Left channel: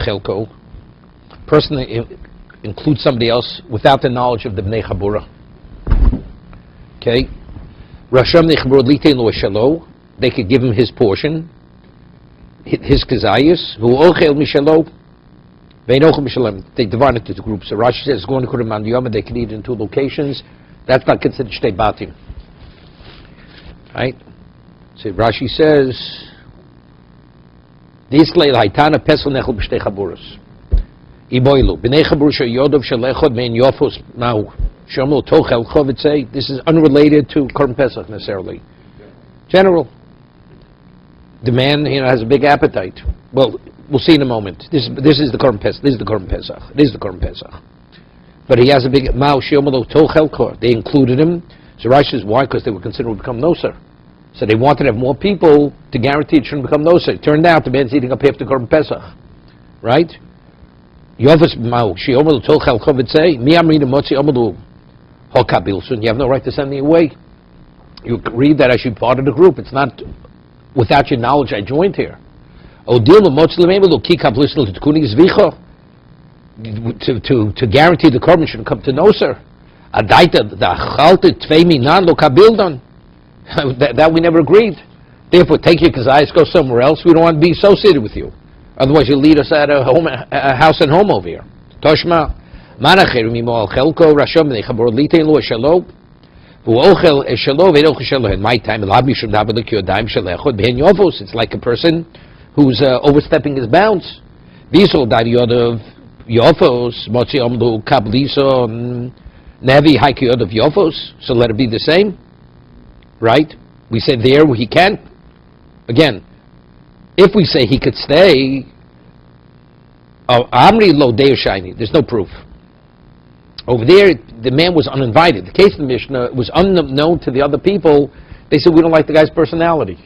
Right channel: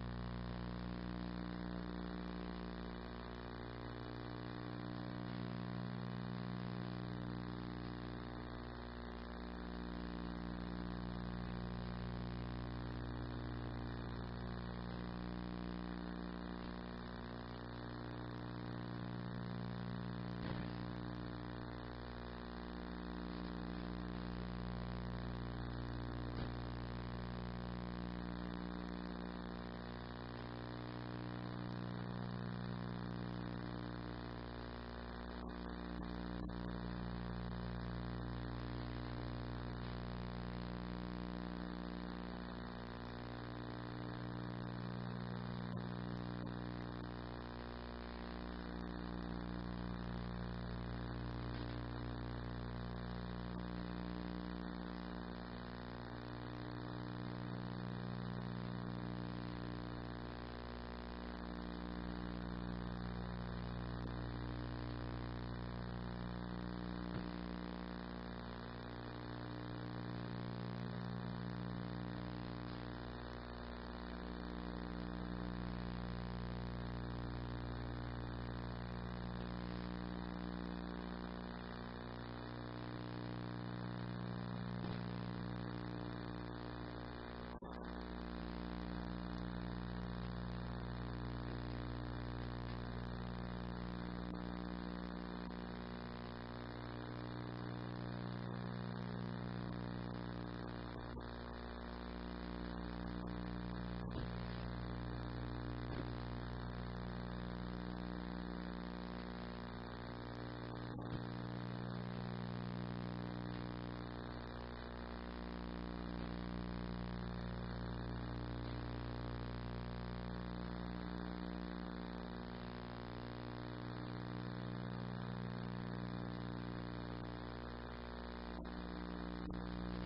chelko. Person that includes somebody else without the knowledge of the bnei chabura. Okay, Rasham nechbur litein lo shelo. They could give him his portion, his kazayis. Who ochel mishelo. They divide it into groups. So Rashi says going to Kuram Yom, they can eat in two locations. That's not considered shtei batim. Right? So Rashi says this lay haitana pesel nechel b'shtei chaburos. Iboilu b'nei chabur sheyodov shelechod mein yofos now shomel tochel chovitzei. This is unrelated to Korban Pesach necessarily. General. The man, has a big appetite. Well, we'll see in a moment. This is the Korban Pesach. This is the Korban Pesach. This is the Korban Pesach. But he has a big mao shiomelo tochelko. They included him. So Rashi says why? Because they were considered to become noser. So they wanted to have more people to guarantee it shouldn't become noser. It turned out the man's eating up half the Korban Pesach, right? Yovas mao shiomelo tochelko v'tzei mi amrina motzi omelu hokabilsun. You have no right to send me away. You read that I should be part of the group. It's not without your knowledge I joined here. To guarantee the korban shouldn't come to noser. That we never agreed. Therefore, take your kazayas, go somewhere else. We don't want to be associated with you. Otherwise, you'll lead us at a house and home over here. Toshma. In my time, it's like a person who's overstepping his bounds. So let it be the same, right? We say there he can. Again, if we say he could stay, there's no proof. Over there, the man was uninvited. The case of the Mishnah was unknown to the other people. They said, we don't like the guy's personality.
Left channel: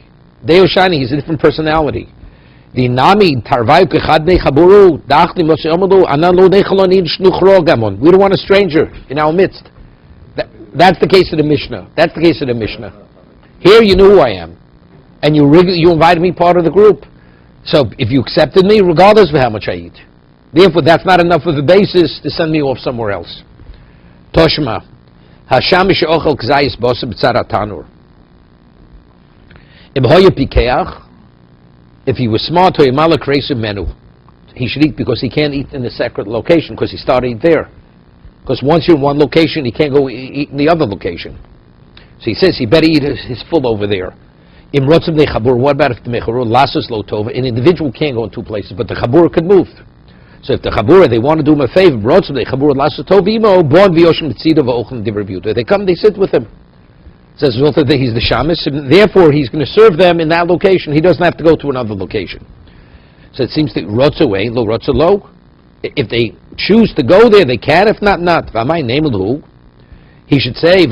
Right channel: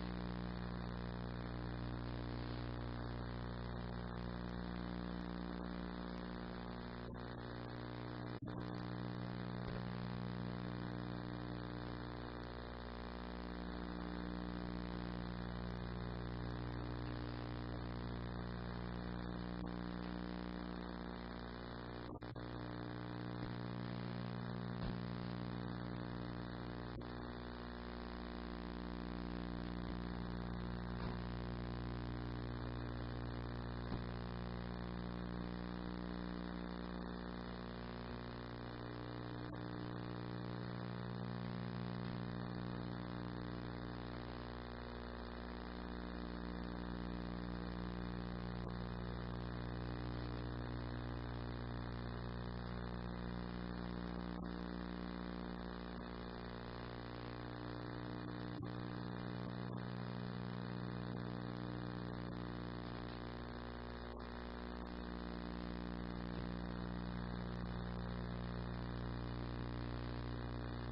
Deo Shani, he's a different personality. The Nami Tarvai Kechadne Chaburu Dachli Moseomodu Analo Nechalonid Shnuchro. We don't want a stranger in our midst. That's the case of the Mishnah. That's the case of the Mishnah. Here you knew who I am. And you invited me part of the group. So if you accepted me, regardless of how much I eat. Therefore, that's not enough of a basis to send me off somewhere else. Toshma. Hasham she'ochel k'zayis b'oseh b'tzar ha'tanur. If he was smart, he should eat because he can't eat in a separate location because he started eating there. Because once you're in one location, he can't go eat in the other location. So he says he better eat his full over there. What about if the mecharur lasses lo tova? An individual can't go in two places, but the chabur could move. So if the chabura, they want to do him a favor, they come, they sit with him. It says that he's the shamus, and therefore he's going to serve them in that location. He doesn't have to go to another location. So it seems that rotza way, lo rotza lo. If they choose to go there, they can. If not, not. He should say,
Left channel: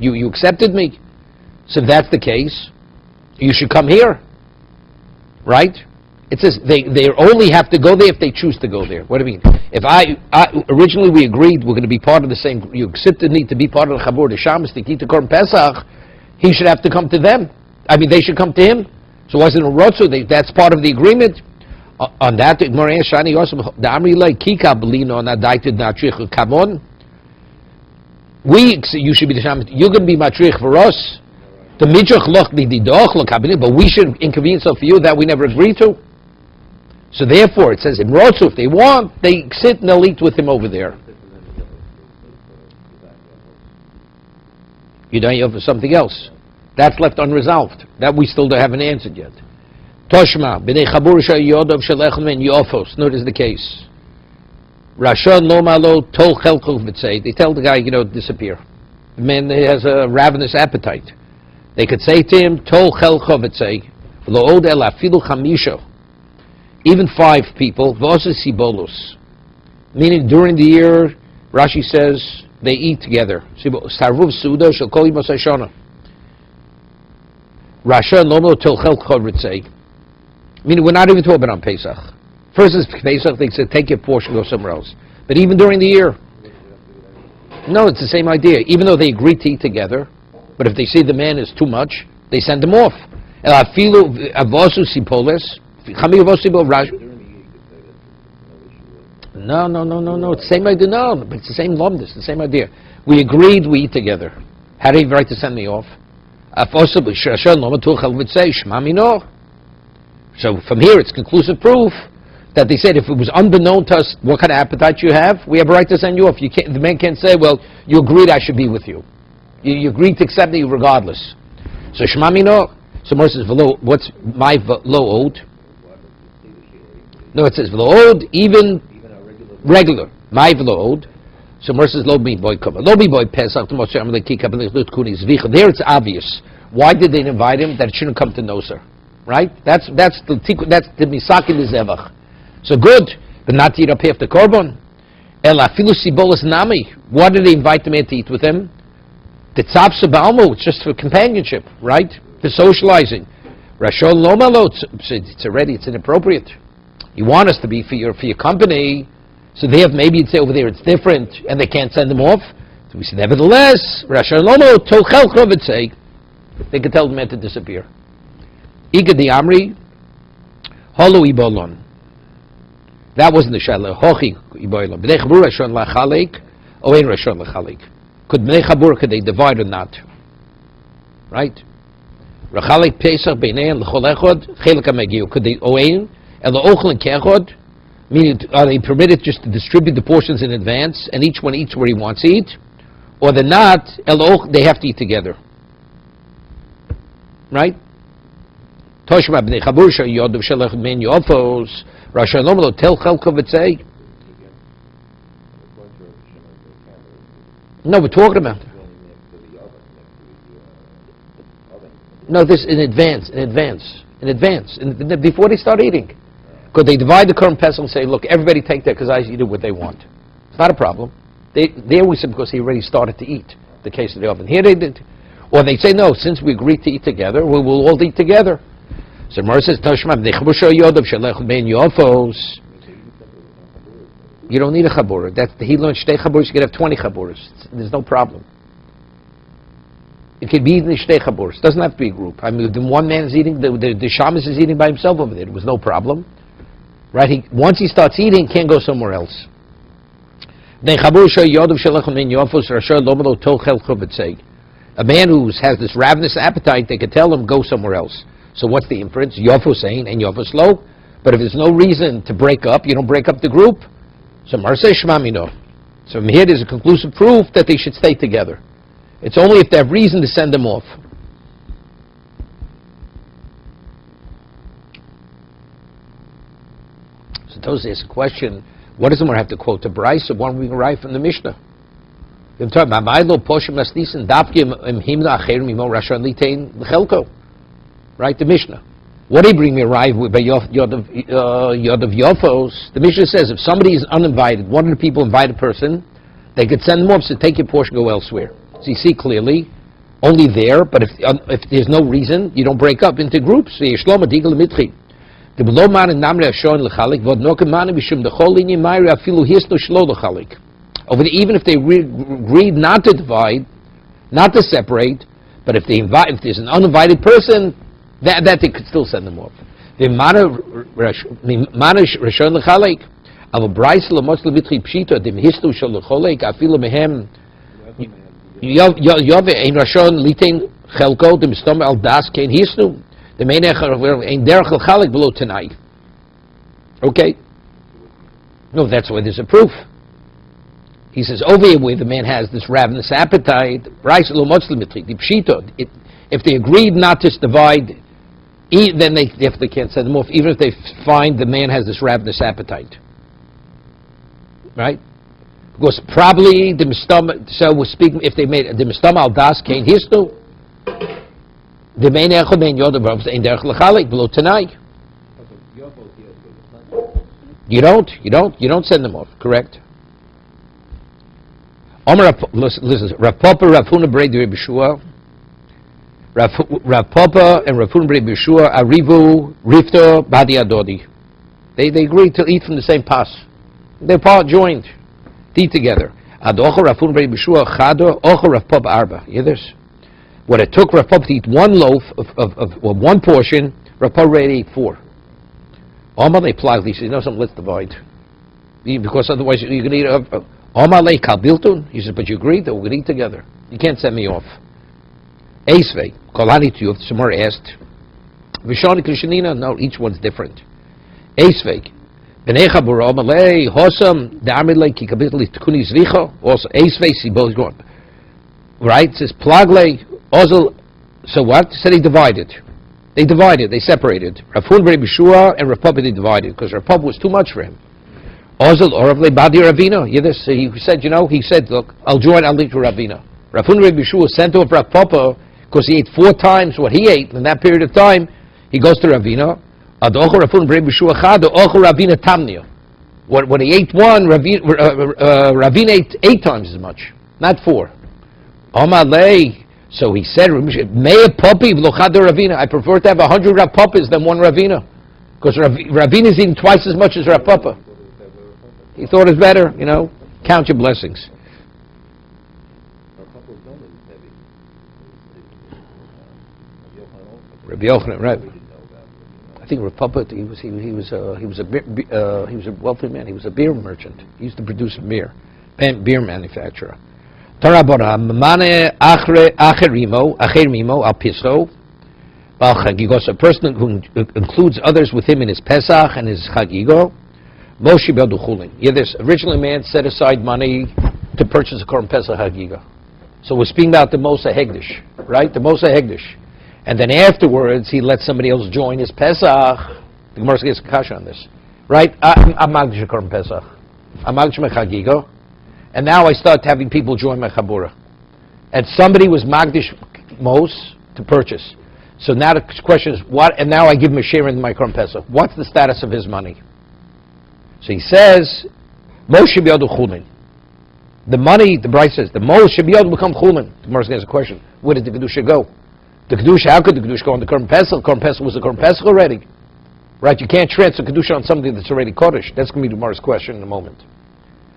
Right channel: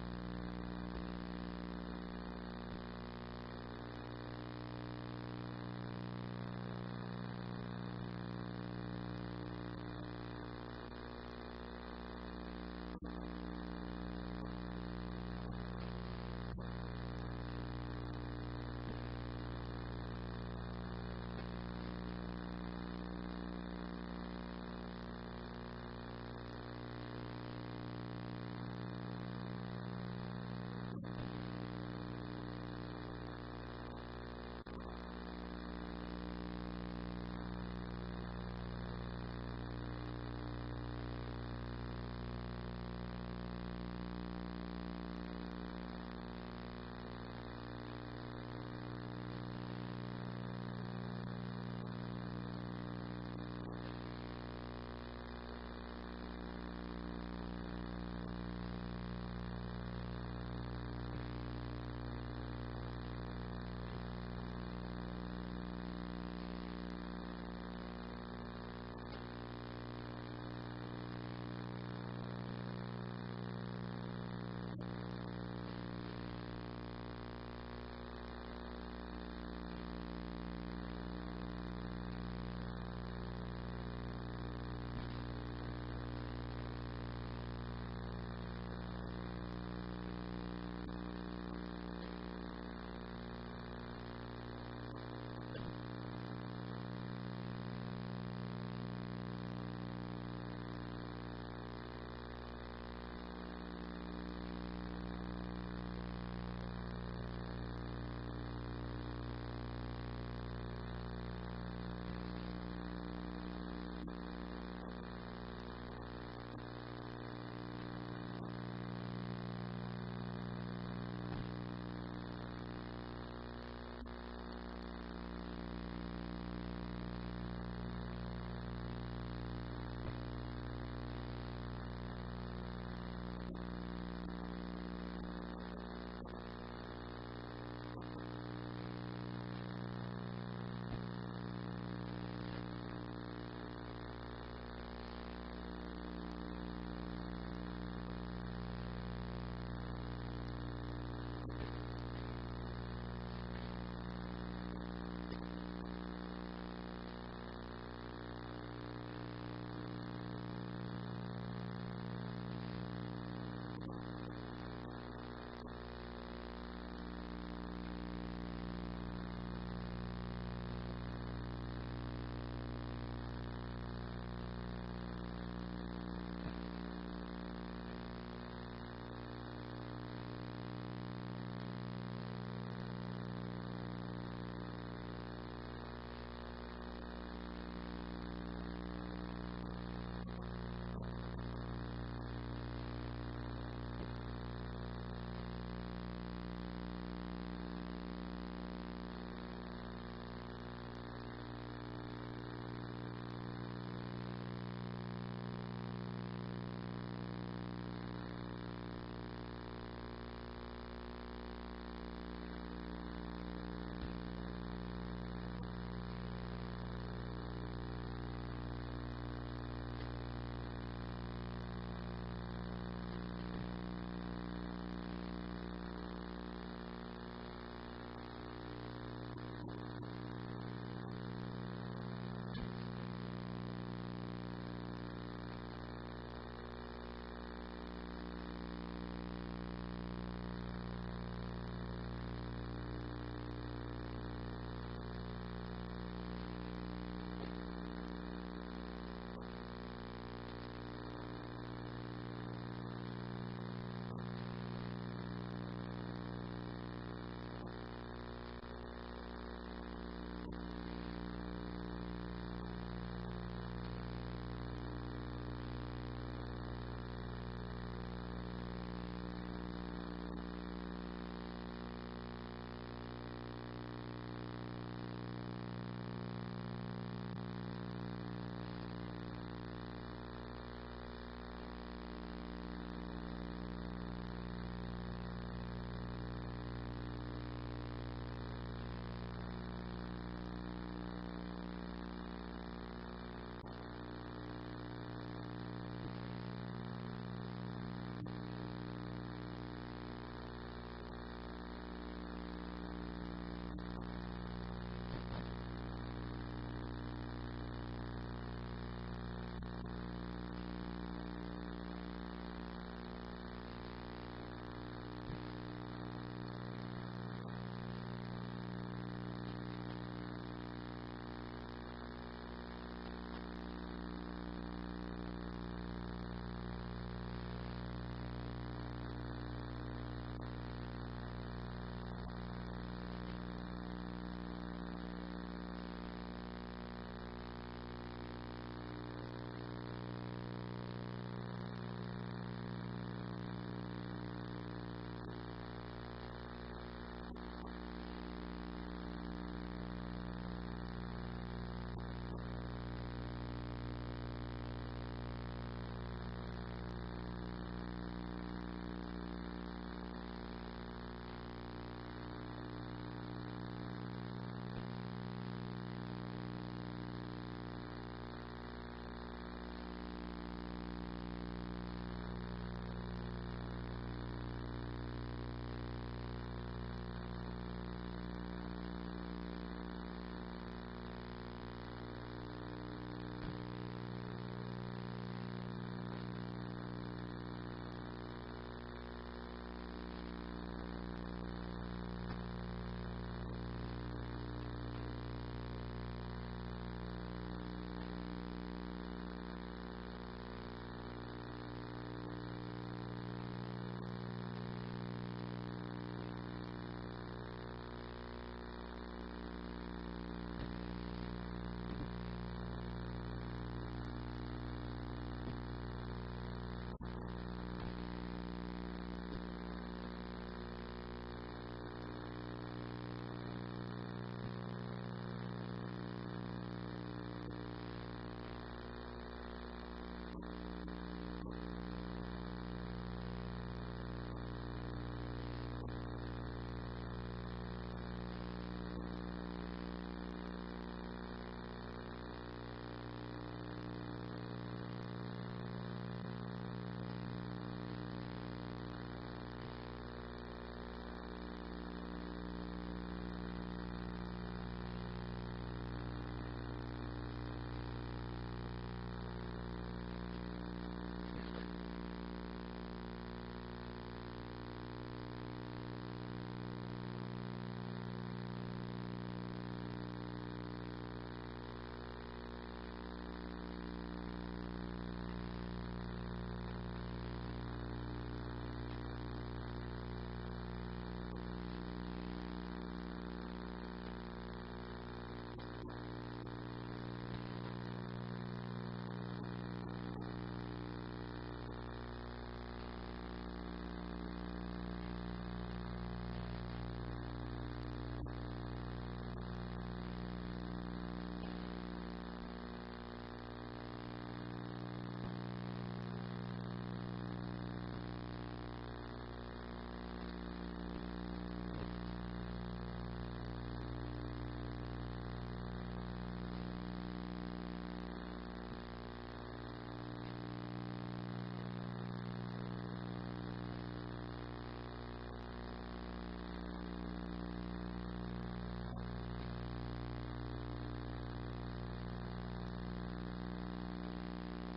you accepted me. So if that's the case, you should come here. Right? It says they only have to go there if they choose to go there. What do you mean? If I originally we agreed we're going to be part of the same, you accepted me to be part of the Chabur, the Shabbos, the Kita Korban Pesach, he should have to come to them. I mean, they should come to him. So wasn't a Rotzu, that's part of the agreement. On that, Shani also, the Amri like Kika Belino and Adaited Natrich Kamon. You should be the Shabbos. You're going to be Matrich for us. The Midrach Loch Didoch Loch Kabbalah, but we should inconvenience for you that we never agreed to. So therefore, it says in Rotzu, if they want, they sit and they'll eat with him over there. You don't have something else. That's left unresolved. That we still haven't answered yet. Toshma, b'nei chabur shayodov shalechem and yofos. Notice the case. Rashon lo malo tol chelchov v'tzei. They tell the guy, disappear. The man has a ravenous appetite. They could say to him, tol chelchov v'tzei. Lo od el afilu chamisho. Even 5 people, v'oseh sibolos. Meaning during the year, Rashi says, they eat together. Sarvuv suda shel kol yimos hashana. Rasha lomo tol chelchov v'tzei. Meaning we're not even talking about on Pesach. First is Pesach, they say take your portion, go somewhere else. But even during the year, no, it's the same idea. Even though they agree to eat together, but if they see the man is too much, they send him off. No. It's the same idea. No, but it's the same lumdus, the same idea. We agreed we eat together. How do you have the right to send me off? So from here, it's conclusive proof that they said if it was unbeknown to us what kind of appetite you have, we have a right to send you off. You can't, the man can't say, well, you agreed I should be with you. You agreed to accept me regardless. So Shema Mino. So Moses says, v'lo, what's my v'lo owed? No, it says v'lo owed, even regular. My v'lo owed. So Moses says, lo mi boy kava. Lo mi boy pesach. There it's obvious. Why did they invite him? That it shouldn't come to Noser. Right? That's the misakin the zevach. So good, but not to eat up half the korban. El afilu sibolas nami. Why did they invite the man to eat with them? The tzapsa ba'almo, it's just for companionship, right? For socializing. Rashon lomalo, it's already, it's inappropriate. You want us to be for your company, so they have, maybe you'd say over there it's different, and they can't send them off. So we say, nevertheless, Rashon lomo tochel chovetzei. They could tell the man to disappear. Iga di amri, holo ibolon. That wasn't the shaila. Hochi ibolon. B'nei chabur Rashon lachalek, or ein Rashon lachalek. Could they divide or not? Right? Rachalek Pesach beinei l'chol echad chelek hamegiu. Could they oein el ochel kechad? Meaning, are they permitted just to distribute the portions in advance and each one eats where he wants to eat, or they're not? They have to eat together. Right? Toshma b'nei chabur sheyodov shelech men yofos Rashalom lo tel chelko v'tzei. No, we're talking about. No, this in advance, before they start eating. Could they divide the current pesach and say, look, everybody take that because I eat what they want. It's not a problem. There we said because he already started to eat, the case of the oven. Here they did. Or they say, no, since we agreed to eat together, we will all eat together. So Mara says, you don't need a chabura. That's the he learned shtei chaburas. You could have 20 chaburas. There's no problem. It could be eaten in shtei chaburas. It doesn't have to be a group. I mean, the one man is eating, the shamus is eating by himself over there. It was no problem, right? Once he starts eating, he can't go somewhere else. A man who has this ravenous appetite, they could tell him go somewhere else. So what's the inference? Yofu saying and Yofu slow. But if there's no reason to break up, you don't break up the group. So Marsei Shmamino. So from here there's a conclusive proof that they should stay together. It's only if they have reason to send them off. So Tosa asks a question, what does the Gemara have to quote? The Bryce or one we can write from the Mishnah? They're talking about right, the Mishnah. What do you bring me a ride with by Yod of Yofos? The Mishnah says if somebody is uninvited, one of the people invited a person, they could send them off, so take your portion, go elsewhere. So you see clearly, only there, but if there's no reason, you don't break up into groups. So even if they agreed not to divide, not to separate, but if there's an uninvited person, that they could still send them off. The okay? No, that's why there's a proof. He says, over here where the man has this ravenous appetite, if they agreed not to divide, then they definitely can't send them off, even if they find the man has this ravenous appetite. Right? Because probably the mistama, so we're speaking, if they made the mistama al das kain histu, the main echad main yodav in derech lechalik below tonight. You don't send them off, correct? Listen, Rav Papa, Rav Huna Brei Rabbi Yeshua, Rav Papa and Rav Huna Brei Yeshua, Arivu, Rifto, Badi Adodi. They agreed to eat from the same pas. They're part joined, to eat together. Ad Ocha Rav Huna Brei Yeshua, Chado, Ocha Rav Papa Arba. You hear this? What it took Rav Papa to eat one loaf of one portion, Rav Papa already ate 4. Amalei plagli. He says, you know something, let's divide. Because otherwise you're going to eat Amalei kalbiltun. He says, but you agreed that we're going to eat together. You can't send me off. Eisvei, kolani tiyuf, Samar asked. Vishani Krishanina, no, each one's different. Eisvei, B'nei Chabura, Amalei, Hosam, Da'amilei, Kikabitli, Tkuni Zvicha, also Eisvei, see both going. Right? It says, Plaglei, Ozel, so what? Said he divided. They divided, they separated. Rafun Rebbe Shua and Rav Papa they divided, because Rav Papa was too much for him. Ozel, Oravle, Badi Ravina, he said, look, I'll lead to Ravina. Rafun Rebbe Shua sent off Rav Papa, because he ate 4 times what he ate in that period of time. He goes to Ravina. When he ate one, Ravina ate 8 times as much, not 4. So he said, I prefer to have 100 Rav Papas than 1 Ravina, because Ravina is eating twice as much as Rav Papa. He thought it's better, count your blessings. Rabbi Yochanan, right? I think Rav Papa, he was a wealthy man. He was a beer merchant. He used to produce beer manufacturer. A person who includes others with him in his Pesach and his Chagigo. This originally man set aside money to purchase a Korban Pesach Chagiga. So we're speaking about the Mosa Hegdish, right? The Mosa Hegdish. And then afterwards, he let somebody else join his Pesach. The Gemara gets a kasha on this. Right? I'm Magdish Korban Pesach. I'm Magdish Mechagigo. And now I start having people join my Chabura. And somebody was Magdish Mos to purchase. So now the question is, what? And now I give him a share in my Korban Pesach. What's the status of his money? So he says, Mos should be able to chulin. The money, the Bryce says, the Mos should be able to become chulin. The Gemara gets a question. Where did the Kedusha go? The Kedusha, how could the Kedusha go on the Korban Pesach? Korban Pesach was the Korban Pesach already. Right? You can't transfer Kedusha on something that's already Kodesh. That's going to be tomorrow's question in a moment.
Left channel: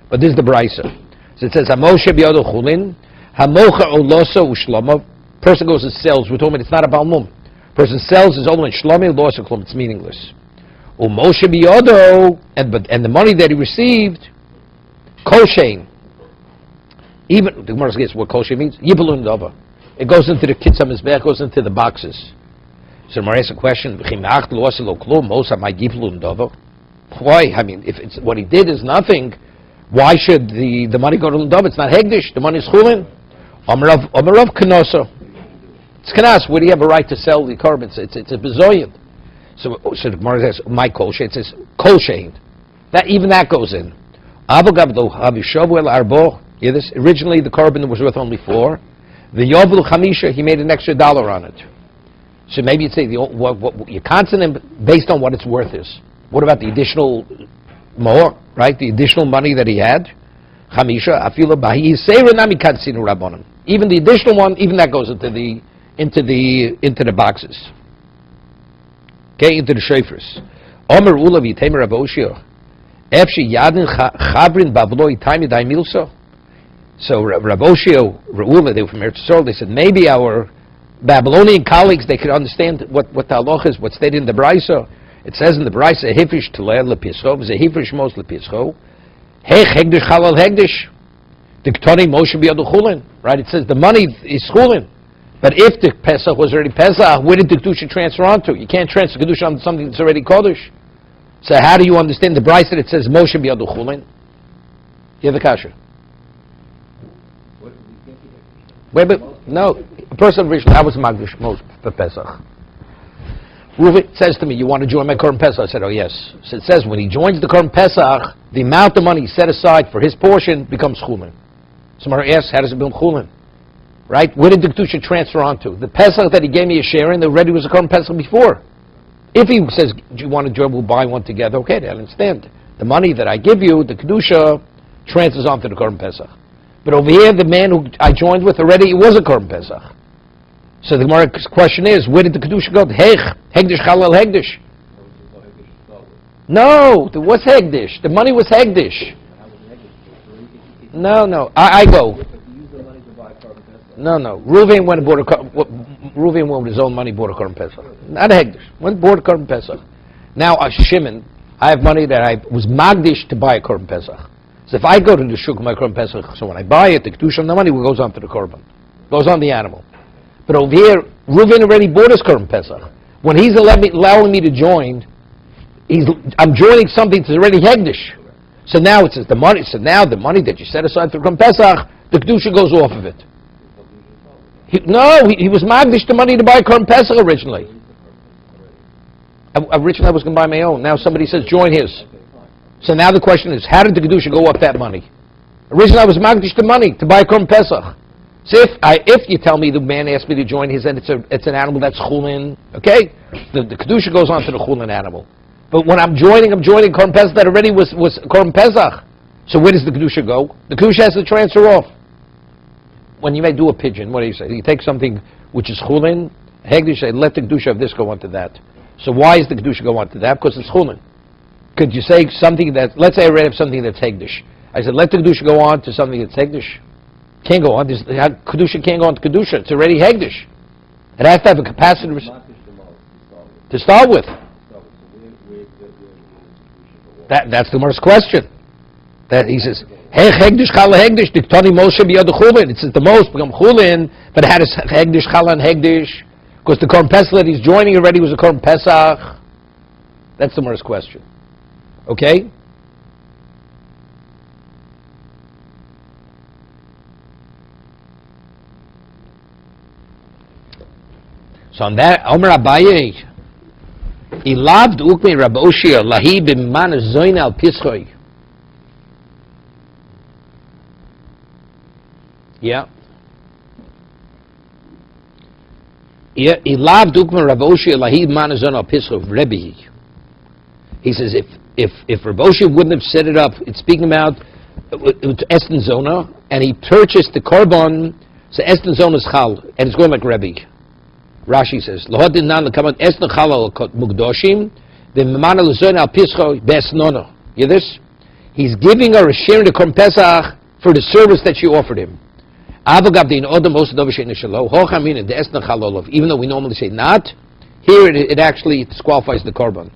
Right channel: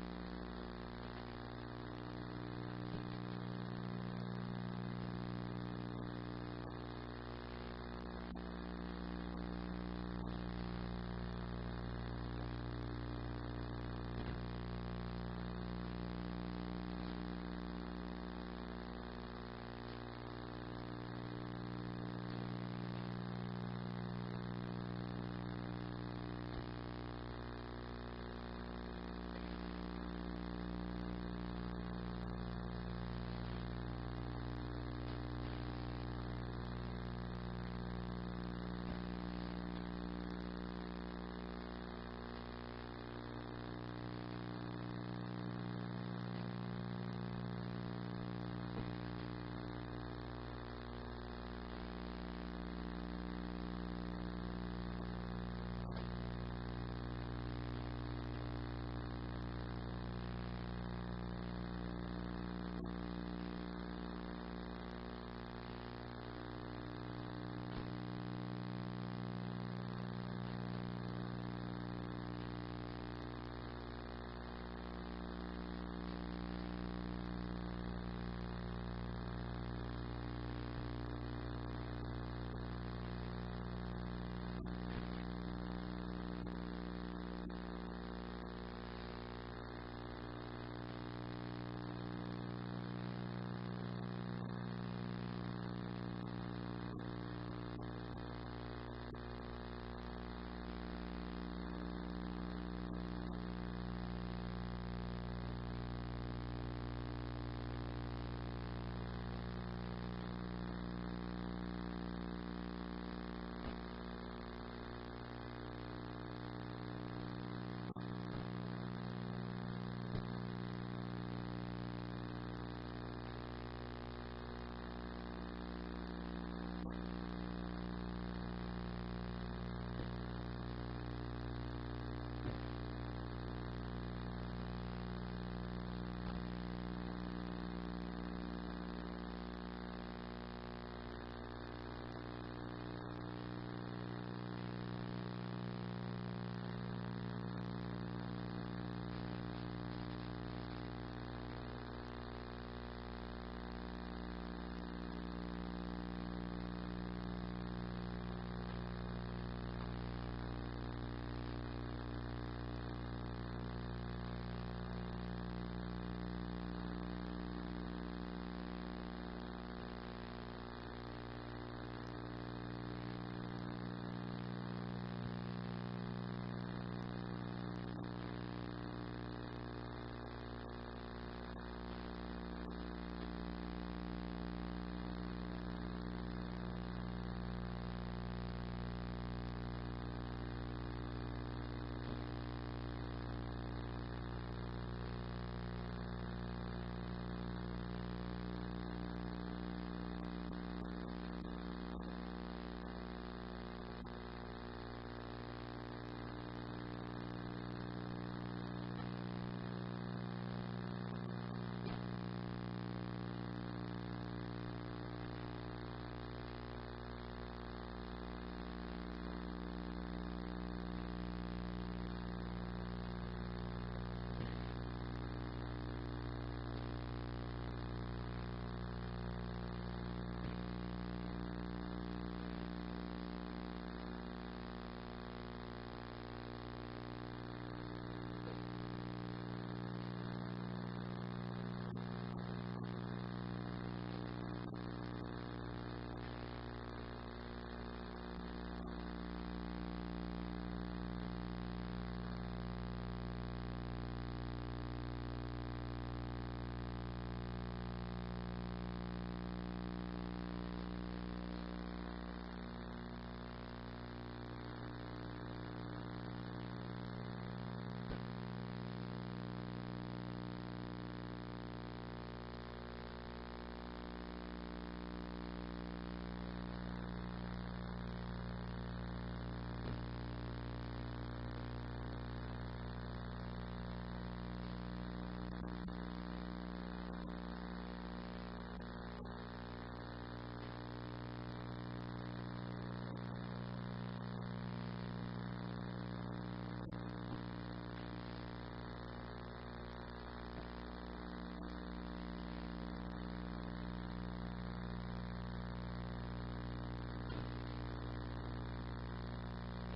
But this is the Brisa. So it says, Hamoshe b'yodo chulin, Hamocha oloso u'shloma. Person goes and sells. We're talking about it's not a balmum. Person sells his own shlomi, losa klum. It's meaningless. Umoshe b'yodo, and the money that he received, koshein. Even, the Gemara says what koshein means. Yibelun dava. It goes into the kitzam mizbech, goes into the boxes. So Mar asks a question, why? I mean, if it's what he did is nothing, why should the money go to Lundov? It's not Hegdish, the money is Chulin. Amarav Kanosa. It's Kanas, where do you have a right to sell the carbons? It's a bezoyan. So the Gemara says, my kol shein, it says kol shein. Even that goes in. Originally the carbon was worth only 4. The Yovlu Chamisha, he made an extra $1 on it. So maybe you'd say what your consonant based on what its worth is. What about the additional more, right? The additional money that he had? Chamisha, Afila Bahi Seira Nami Katsinu Rabbanim. Even the additional one, even that goes into the boxes. Okay, into the shofars. Omer Ula V'Temer Avoshio. Efshi Yadin Chabrin Bavloi Taimi Daimilso. So Rav Oshio, Re'ula, they were from Eretz Yisrael, they said maybe our Babylonian colleagues, they could understand what the halach is, what's stated in the Brisa. It says in the Brisa, Hifrish Teleh Lepischo, Hifrish Mos Lepischo, Hech Hegdish Chalal Hegdish, the Ktoni Moshe B'Yadu Chulin, right? It says the money is Chulin. But if the Pesach was already Pesach, where did the Kedusha transfer onto? You can't transfer Kedusha onto something that's already Kodesh. So how do you understand the Brisa that it says Moshe B'Yadu Chulin? You have the kasha. Wait, but no, a person originally, I was Magdish most for Pesach. Reuven says to me, you want to join my Korban Pesach? I said, oh yes. So it says when he joins the Korban Pesach, the amount of money set aside for his portion becomes Chulin. Somebody asks, how does it become Chulin? Right? Where did the Kedusha transfer onto? The Pesach that he gave me a share in, already was a Korban Pesach before. If he says, do you want to join, we'll buy one together, okay, I understand. The money that I give you, the Kedusha, transfers onto the Korban Pesach. But over here, the man who I joined with already, it was a Korban Pesach. So the Gemara's question is, where did the Kedusha go? Hegdish Chalal Hegdish. No, there was Hegdish. The money was Hegdish. No, I go. No. Reuven went and bought Reuven went with his own money, bought a Korban Pesach. Not a Hegdish. Went and bought a Korban Pesach. Now, Shimon, I have money that I was magdish to buy a Korban Pesach. So if I go to the shuk my Korban Pesach, so when I buy it, the kedusha on the money goes on to the Korban, goes on the animal. But over here, Reuven already bought his Korban Pesach. When he's allowing me to join, I'm joining something that's already hegdish. So now it says the money. So now the money that you set aside for Korban Pesach, the kedusha goes off of it. He was magdish the money to buy Korban Pesach originally. Originally I was going to buy my own. Now somebody says join his. So now the question is, how did the kedusha go up that money? Originally I was magdish the money to buy Korban Pesach. So if you tell me the man asked me to join his and it's an animal that's chulin, okay, the kedusha goes on to the chulin animal. But when I'm joining Korban Pesach that already was Korban Pesach. So where does the kedusha go? The kedusha has to transfer off. When you may do a pigeon, what do you say? You take something which is chulin, hegdish, and let the kedusha of this go on to that. So why is the kedusha go on to that? Because it's chulin. Could you say something that, let's say I read of something that's hegdish. I said, let the kedusha go on to something that's hegdish. Can't go on. Kedusha can't go on to kedusha. It's already hegdish. It has to have a capacity to start with. That's the Gemara's question. That he says, hey, hegdish chala hegdish, diktani Moshe biyad chulin. It says the most become chulin, but how does hegdish chala and hegdish? Because the Korban Pesach that he's joining already was a Korban Pesach. That's the Gemara's question. Okay? So on that, Omer Abaye, he loved ukmi Rabbi Oshia lahi b'man zoyin al pischoi. Yeah. Yeah, he loved ukmi Rabbi Oshia lahi b'man zoyin al pischoi Rebbe. He says if Rabbi Oshia wouldn't have set it up, it's speaking about Esten Zona, and he purchased the korban, so Esten Zona is chal, and it's going like Rebbe. Rashi says, "Lohodin nan lekamat esno chalal mugdoshim, the memana lezoin al pischo besnono." You hear this? He's giving her a share in the Korban Pesach for the service that she offered him. Avagav dein odom osadovish inishalo hochamin the esno chalolov. Even though we normally say not, here it actually disqualifies the korban.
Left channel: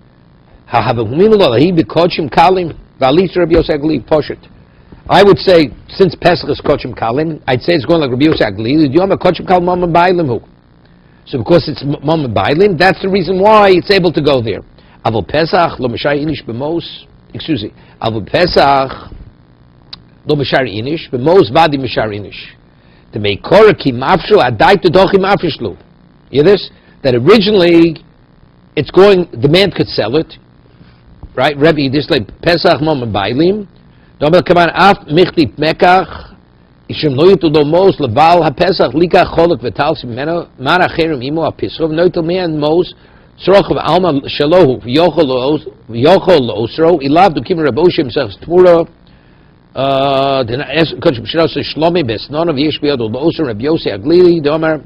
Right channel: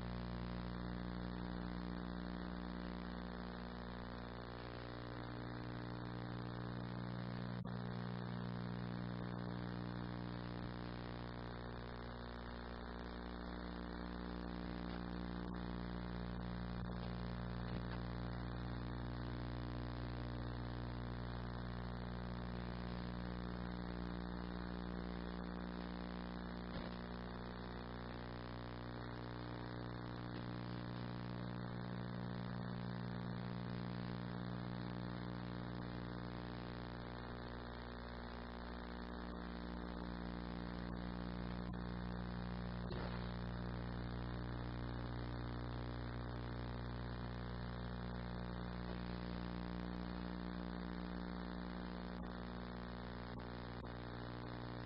Ha'havuminu lahi b'kochim kalim v'alis Rabbi Yosef Agli poshet. I would say since Pesach is kochim kalim, I'd say it's going like Rabbi Yosef Agli. Do you have a kochim kalim mama bailim hu? So because it's Mama Bailin, that's the reason why it's able to go there. Avol Pesach lo mishari inish b'mos. Excuse me. Avol Pesach lo mishari inish b'mos vadi mishari inish. The meikora ki mafshu adai to dochi mafshlu. You hear this? That originally it's going. The man could sell it, right? Rebbe, this like Pesach Mama Bailim. Dobel kaman af michti mekach. Ishim lo yutu mos leval haPesach likach cholok v'tal simeno man acherim imo haPisrov noitel me'an mos sroch v'alma shalohu v'yochol lo'osro ilav dukim Rabbi Oshia himself t'mura kochim shnos shlomi besnono v'yesh b'yado lo'osro Rabbi Yosef Aglili domer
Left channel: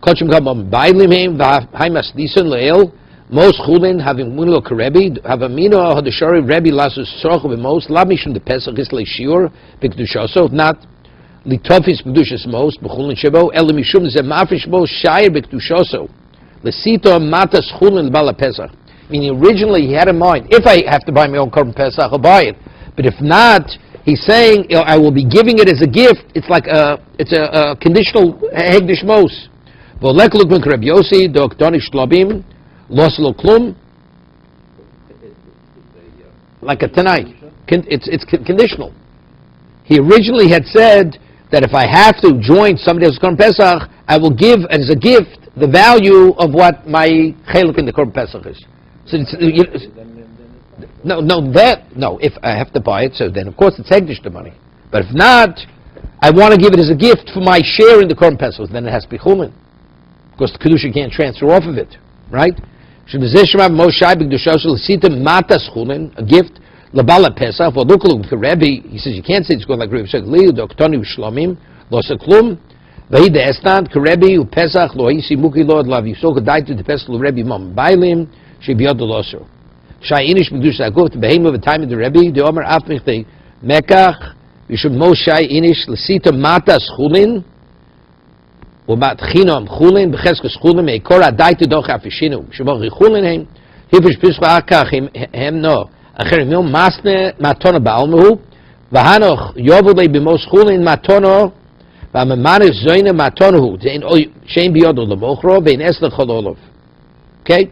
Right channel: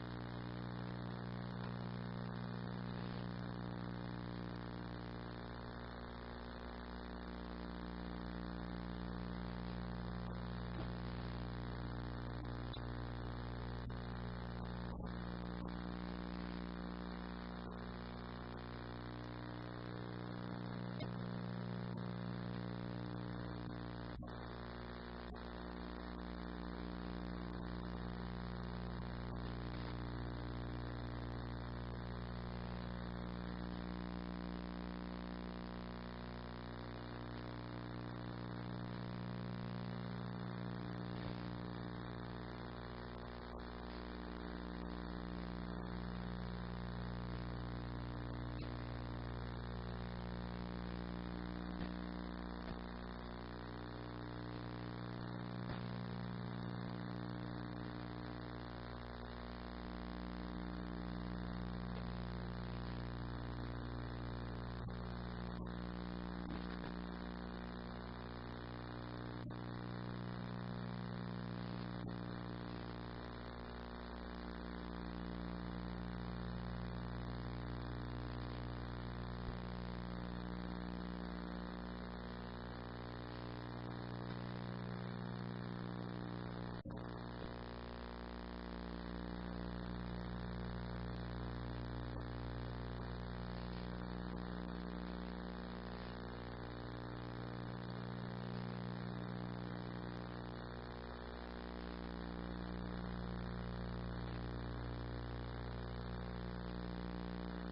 kochim kabam bailim him v'haimas dison le'el mos chulin having mulo karebi havamino hadashari Rebbe lasus sroch v'mos lav mishum de Pesach is le'shiur b'kedushaso not Litofis Kedushas Mos, Bechulin Shebo, Elimishum Zemafrish Mos, Shair Bekdushoso, Lesito Matas Chulin Bala Pesach. Meaning originally he had in mind, if I have to buy my own Korban Pesach, I'll buy it. But if not, he's saying, I will be giving it as a gift. It's like a conditional Hegdish Mos. Volek Lukman Kreb Yossi, Dok Donish Lobim, Loslo Klum, like a Tanai. It's conditional. He originally had said that if I have to join somebody else's Korban Pesach, I will give as a gift the value of what my cheluk in the Korban Pesach is. So if I have to buy it, so then of course it's hegdish the money. But if not, I want to give it as a gift for my share in the Korban Pesach. Then it has to be chulin, because the kedusha can't transfer off of it, right? A gift. Labala Pesach, well, look at Rebbe. He says you can't say it's going like Rebbe said. Leo Doktoni Shlomim Losa Klum. Vahid Estan Karebi Pesach Lo Hisi Muki Lord Lav Yisok Daitu the Pesach Lo Rebbe Mom Bailim Shebiod Loser. Shai Inish Medusa Aguf the Behem of the time of the Rebbe. The Omer Afmich the Mekach. You should most Shai Inish Lesita Matas Chulin. Ubat Chinom Chulin Becheskus Chulin Meikora Daitu Doch Afishinu. Shabach Chulin Heim. Hivish Pischa Akachim Hem no. Acherim Yom Masne Matona Baalmuhu. Vahanoch Yovule Bimos Chulin Matono. Vamamanis Zoyne Matonahu. Zain Shem Biodo Labochro. Vein Esna Chololov. Okay?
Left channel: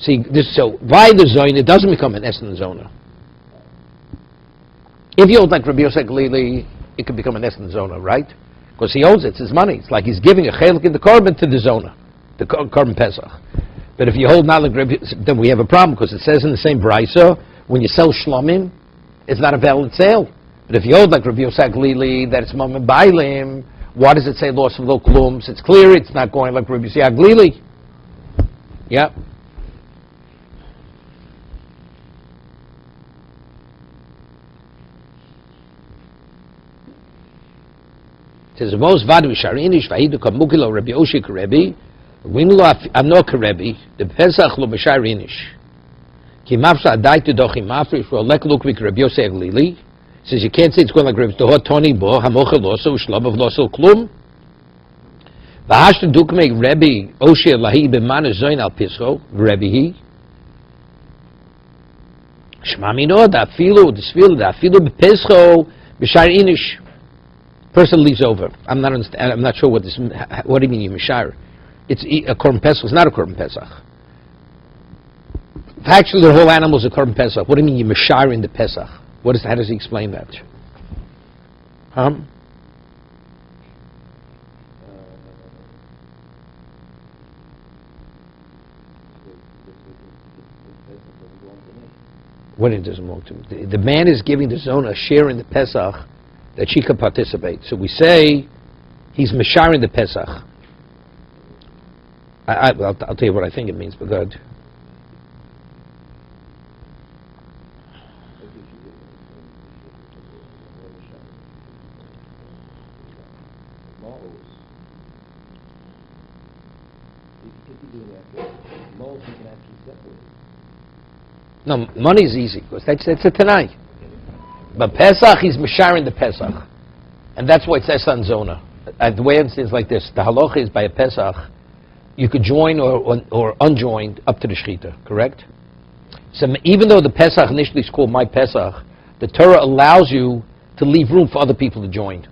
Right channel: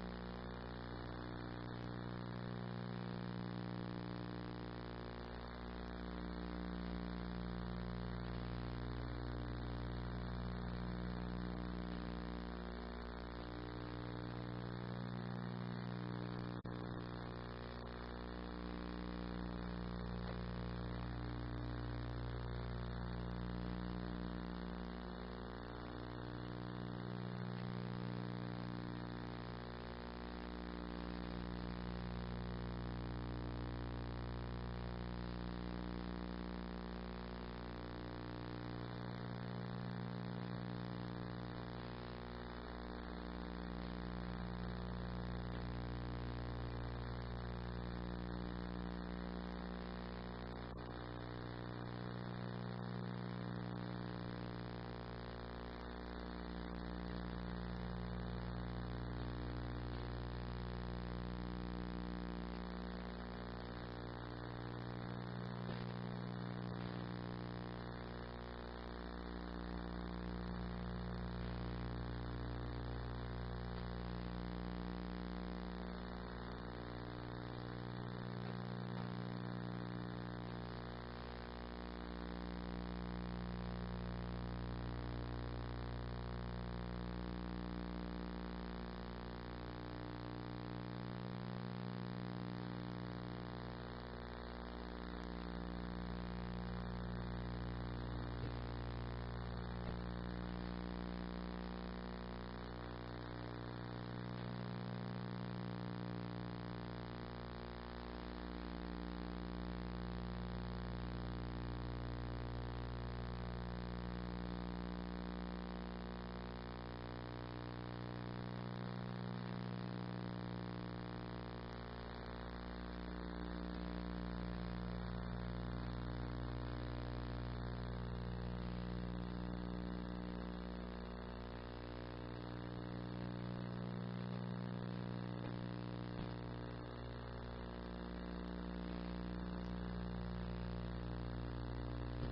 See, this, so by the Zoyne, it doesn't become an Esna Zona. If you hold like Rabbi Yosef Galili, it can become an Esna Zona, right? Because he owns it, it's his money. It's like he's giving a chelik in the korban to the Zona, the korban Pesach. But if you hold not like Rabbi, then we have a problem, because it says in the same brisa, when you sell shlomim, it's not a valid sale. But if you hold like Rabbi Yosef Galili, that it's mamim bailim, why does it say loss of lo klums? It's clear it's not going like Rabbi Yosef Galili. Yeah. It says, "Most vadu sharinish vahidu kamukilo Rabbi Oshik Rebbe, winlo amno karebi the Pesach lo b'sharinish ki mafsa adaitu dochi mafrish ro lekluk vik Rabbi Yosef Lili." Says you can't say it's going like Rabbi Tohot Toni bo hamochel loso shlov of loso klum. V'hashtu dukmei Rebbe Oshik lahi b'manu zoin al pischo Rebbe he. Shmami no dafilu b'pescho b'sharinish. Person leaves over. I'm not sure what this. What do you mean you mishar? It's a korban pesach. It's not a korban pesach. Actually, the whole animal is a korban pesach. What do you mean you mishar in the pesach? How does he explain that? What it doesn't belong to? The man is giving the zona a share in the pesach that she can participate. So we say he's mishar in the Pesach. I'll tell you what I think it means, but good. No, money is easy, because that's a Tanai. But Pesach, he's mishar in the Pesach. And that's why it says on Zona. The way it is like this. The halacha is by a Pesach, you could join or unjoined up to the Shechita, correct? So even though the Pesach initially is called my Pesach, the Torah allows you to leave room for other people to join.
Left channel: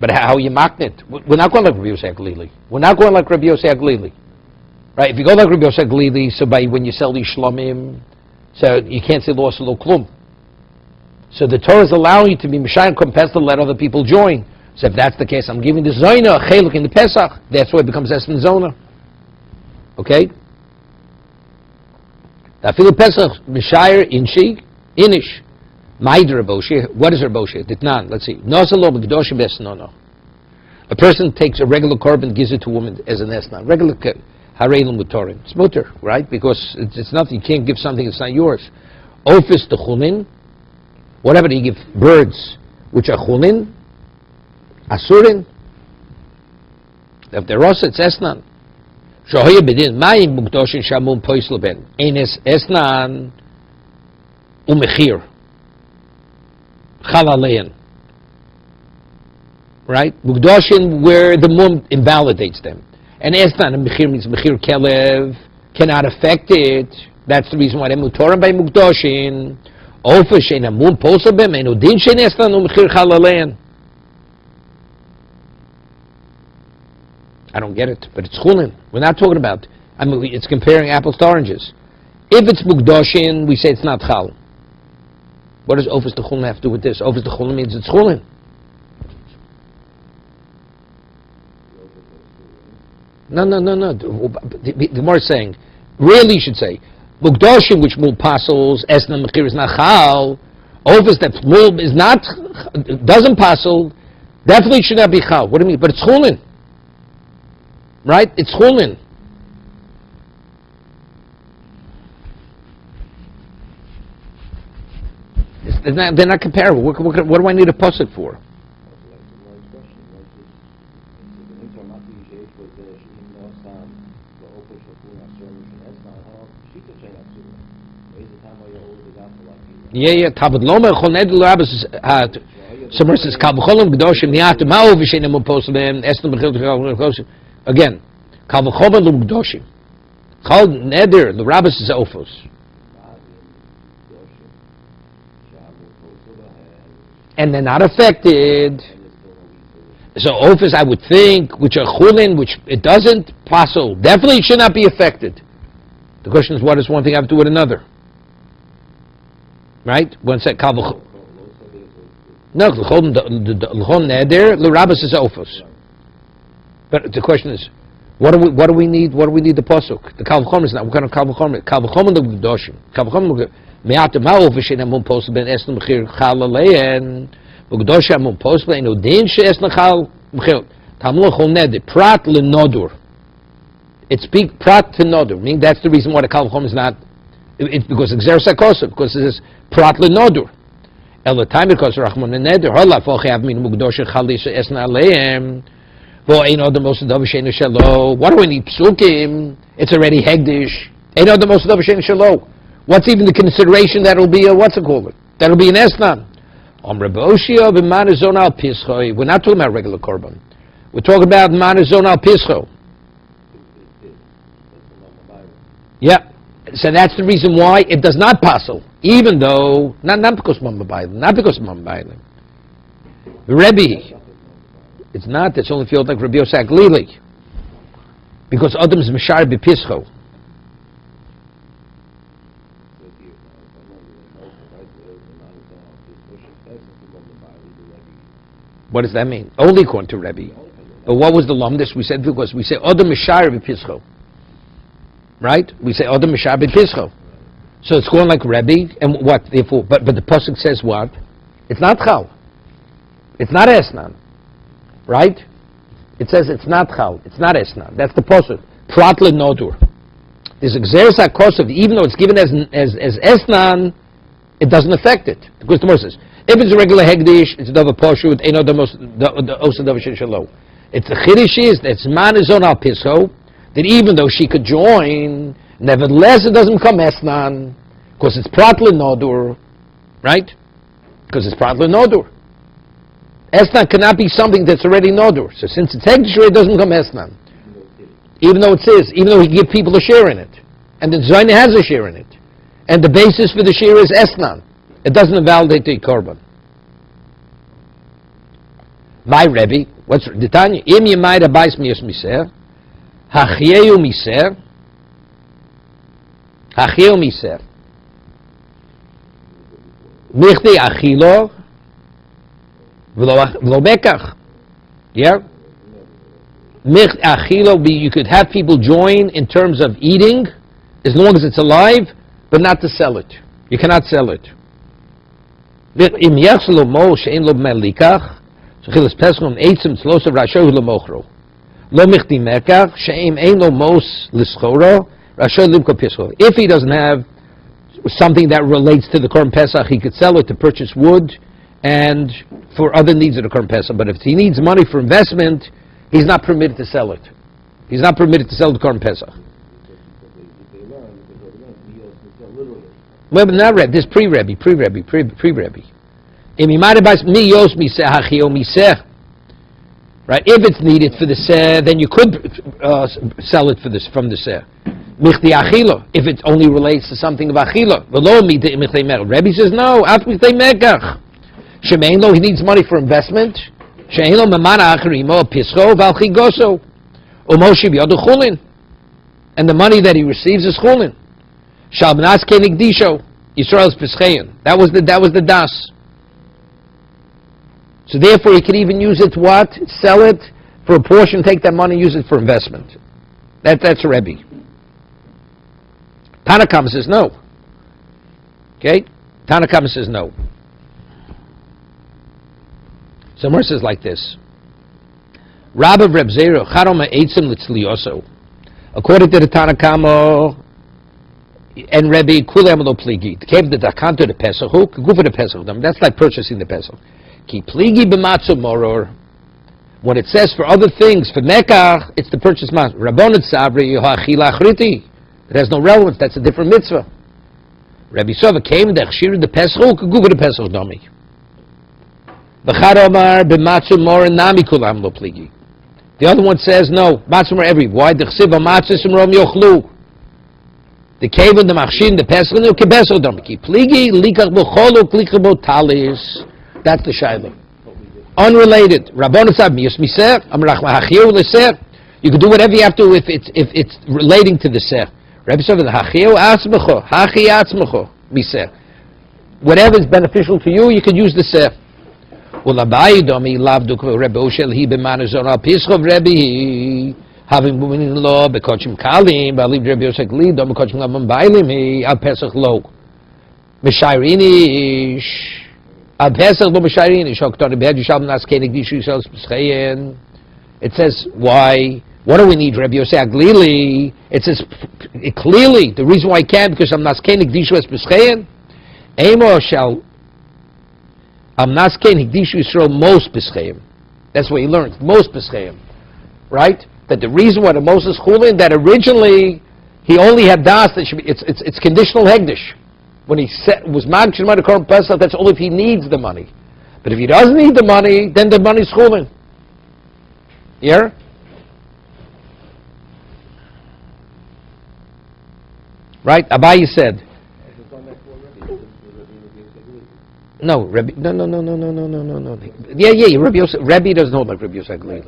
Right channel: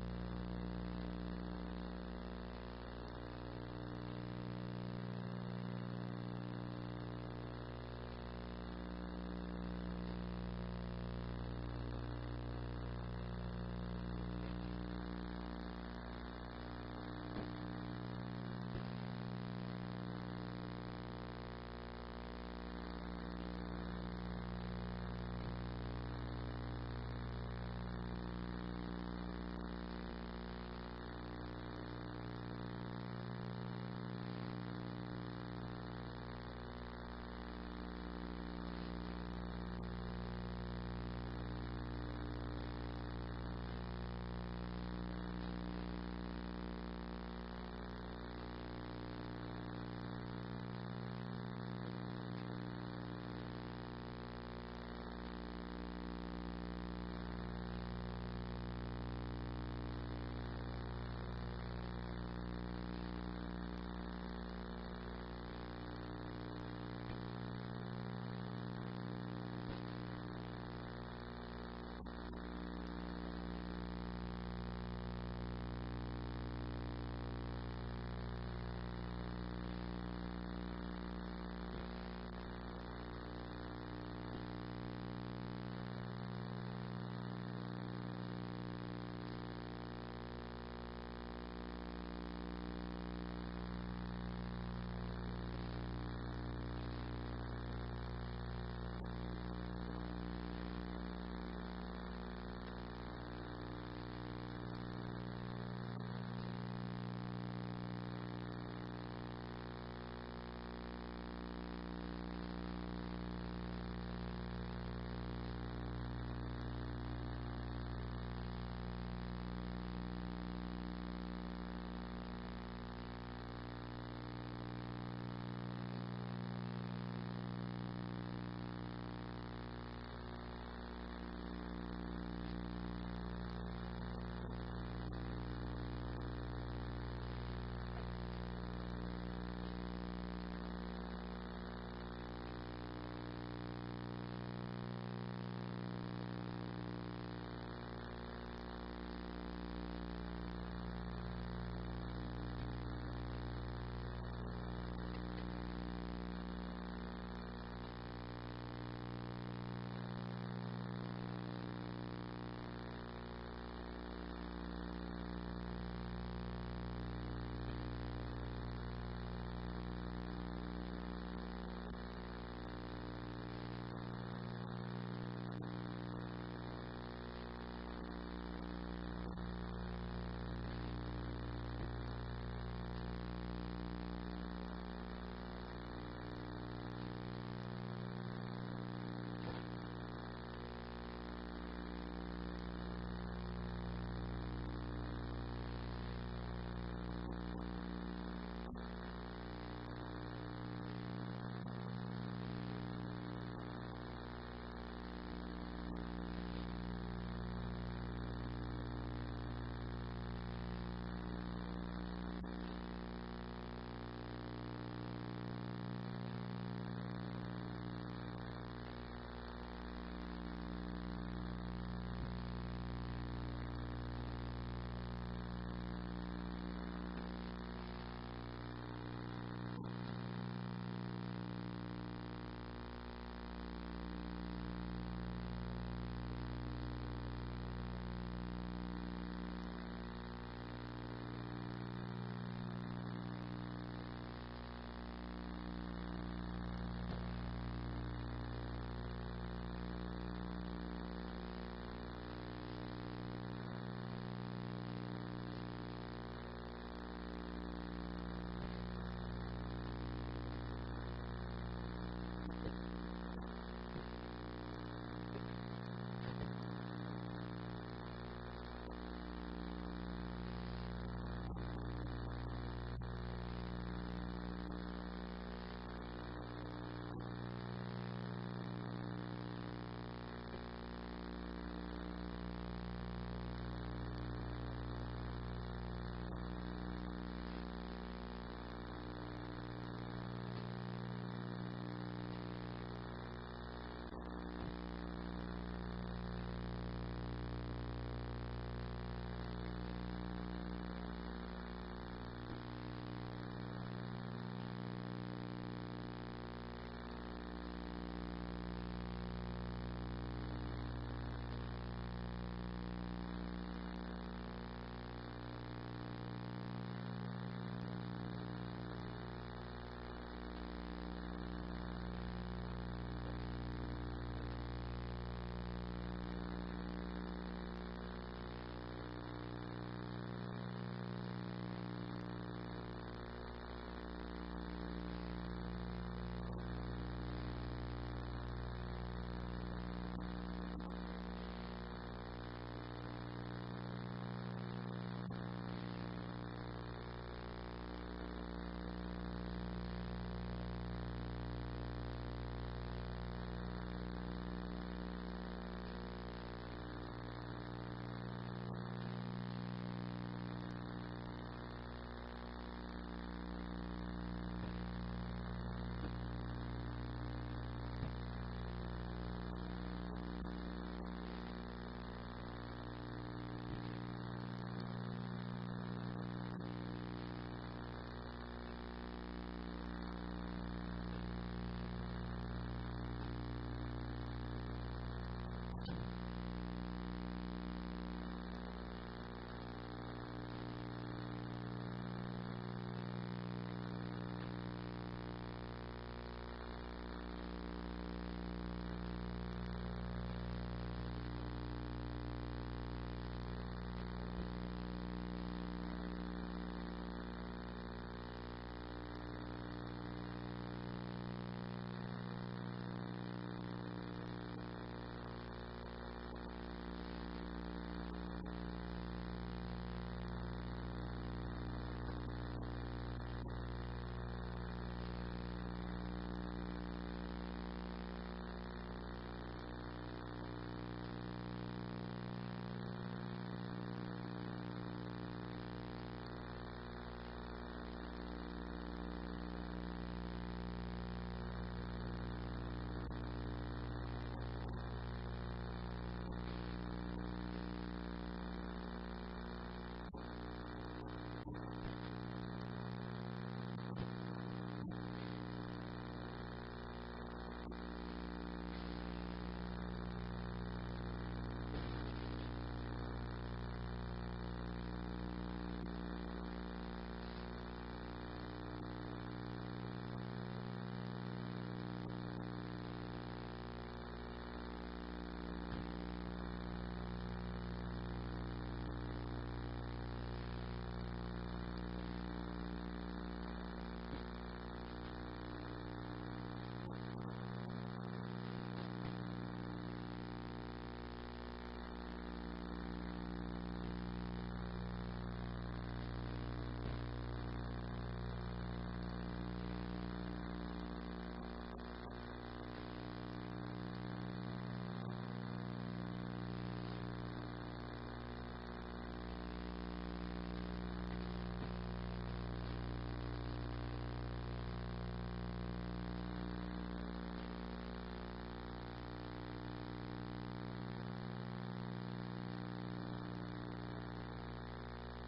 But how you maknit? We're not going like Rabbi Yosef Galili. We're not going like Rabbi Yosef Galili. Right? If you go like Rabbi Yosef Galili, so by when you sell these shlomim, so you can't say loss of lo klum. So the Torah is allowing you to be Mishayim Kompes to let other people join. So if that's the case, I'm giving the Zona a cheluk in the Pesach. That's why it becomes Espen Zona. Okay? Afilu Pesach Mishayir Inshi Inish. Ma'id Raboshi. What is Raboshi? Ditnan. Let's see. Nosalo B'Kedoshim Esnono. A person takes a regular korban, gives it to a woman as an esna. Regular Hareilim Mutorim. It's mutter, right? Because it's nothing. You can't give something that's not yours. Ofis the Chulin. Whatever you give birds, which are chulin, asurin, if they're also, it's esnan. Shohoye bedin, mayim mukdoshin shamum poisleben, enes esnan umechir, chalalein. Right? Mukdoshin, where the mum invalidates them. And esnan, and mechir means mechir kelev, cannot affect it. That's the reason why they're mutorim by mukdoshin. I don't get it, but it's chulin. We're not talking about, it's comparing apples to oranges. If it's mukdoshin, we say it's not chal. What does ofis the chulin have to do with this? Ofis the chulin means it's chulin. No. The Gemara is saying, really you should say, Mukdoshim, which mul pasels, esna mechir is not chal. Ofis that mul is not, doesn't pasel, definitely should not be chal. What do you mean? But it's chulin. Right? It's chulin. They're not comparable. What do I need a pasuk for? Yeah. Tabud Loma Choned Labas had somewhere says Kalvacholom Gdoshim Niatu Mao Vishenam Poslim Estam Bechil. Again, Kalvacholom Gdoshim. Chal neder, the rabbis is ofos. And they're not affected. So ofos, I would think, which are chulin, which it doesn't, pasul, definitely should not be affected. The question is, what does one thing have to do with another? Right? One said, no, l'chol neder, l'rabbis is ofos. But the question is, what do we need? What do we need the pasuk? The kal v'chomer is not. What kind of kal v'chomer? Kal v'chomer the gdoshim. Kal v'chomer me'at ma'ov v'shein amun posel ben esn mechir chal alein v'gdoshim amun posel ben odin she'esn chal mechir tamul chol neder prat l'nodur. It speaks prat to nodur. Meaning that's the reason why the kal v'chomer is not. It's because exeris hakosav, because it is prat l'nodur. El time because rachmon neder hola fochav min mugdoshim chalisha esn alein. What do we need psukim? It's already hegdish. What's even the consideration that will be a what's it called? That'll be an esnan. We're not talking about regular korban. We're talking about manazon al pischo. Yeah. So that's the reason why it does not passel, even though not because Mamba Bailan, not because Mamba Bailan. The Rebbe. It's not. It's only if you hold like Rabbi Yosef Glili. Because Adam's Mishar B'Pischo. What does that mean? Only according to Rebbe. But what was the lumdis? We said because we say Adam Mishar B'Pischo. Right? We say Adam Mishar B'Pischo. So it's going like Rebbe, and what? Therefore, but the pasuk says what? It's not Chal. It's not Esnan. Right? It says it's not chal, it's not esnan. That's the pasuk. Prat l'nodur. There's exeris hakosav, even though it's given as esnan, it doesn't affect it. Because the Gemara says, if it's a regular hegdish, it's a dava poshut, ain't no the osa dava shelo. It's the chiddush is that's manizon al pischo, that even though she could join, nevertheless it doesn't become esnan, because it's prat l'nodur, right? Because it's prat l'nodur. Esnan cannot be something that's already nodur. So since it's hegdish, it doesn't become esnan. Even though it says, even though he give people a share in it. And the Zayna has a share in it. And the basis for the share is esnan. It doesn't invalidate the korban. My Rebbe, what's the Tanya? Im yemayda bais miyos miser, hachyeyu miser, michti achilo, v'lo bekach. Yeah? Mich achilo, you could have people join in terms of eating, as long as it's alive, but not to sell it. You cannot sell it. Im yachselo mo she'en lo melikach, shechilas pesachim eitzim tzlosav rasho l'mochro. Lo michti mekach she'em ein lo mos l'schoro rasho limko pischo. If he doesn't have something that relates to the Korban Pesach, he could sell it to purchase wood and for other needs of the Korban Pesach. But if he needs money for investment, he's not permitted to sell it. He's not permitted to sell the Korban Pesach. Well, but not Rebbe. This pre-Rebbe. Right? If it's needed for the seh, then you could sell it for this from the seh. Michti achila. If it only relates to something of achila. Rebbe says no. At michtei mekach. Shemein lo, he needs money for investment. Shemein lo memana acharimo pischo v'alchigoso umoshi b'yodu chulin, and the money that he receives is chulin. Shalbnas kenig disho Yisrael's pischein. That was the das. So therefore, he could even use it to what? Sell it for a portion, take that money, use it for investment. That's a Rebbe. Tanakam says no. Okay? Tanakam says no. So Mer says like this. Rabbi Reb Zera, Charoma Eitzim Litzlioso. According to the Tanakama and Rebbe, Kulam Lo Pligi. Came the Dakanto the Pesach, go for the Pesach. That's like purchasing the Pesach. Ki Pligi b'matzu moror. When it says for other things, for Mekach, it's the purchase matzah. Rabbonet Sabri, Yohachila Achriti. It has no relevance, that's a different mitzvah. Rabbi Sova came, the Chshir the Pesach, go for the Pesach dummy. The other one says no, matzah more every. Why? The chsiv matzah simrom yochlu. The cave of the machshin, the pesach, the kebeso domki. Pligi likach b'cholu klikach b'talis. That's the shayla. Unrelated. Rabbanu tzad miyus miser. Amrach mahachiu l'ser. You can do whatever you have to if it's relating to the ser. Rabbi said, "Hachiu atzmecho, hachi atzmecho miser." Whatever is beneficial to you, you can use the ser. Ulabai domi lavduk Rabbi Oshel he b'manazon al pischov Rabbi having women in law bekochim kalim b'aliv Rabbi Yosef li dom bekochim lavon bailim he al pesach lo mishayrinish al pesach lo mishayrinish hoktor be'ed yishal nas kenig dishu yishal peschayin. It says why. What do we need, Rabbi Yosef Aglili? It says clearly the reason why I can't because I'm naskein hikdishu es peschayin. Emo shall I'm naskein hikdishu Yisrael most peschayin. That's what he learned. Most peschayin, right? That the reason why the Moses chulin that originally he only had das that should be it's conditional hegdish. When he was magshim the Korban Pesach, that's only if he needs the money. But if he doesn't need the money, then the money's chulin. Yeah. Right? Abaye said. No, Rabbi. No. Yeah. Rabbi doesn't hold like Rabbi Yosef Aglili.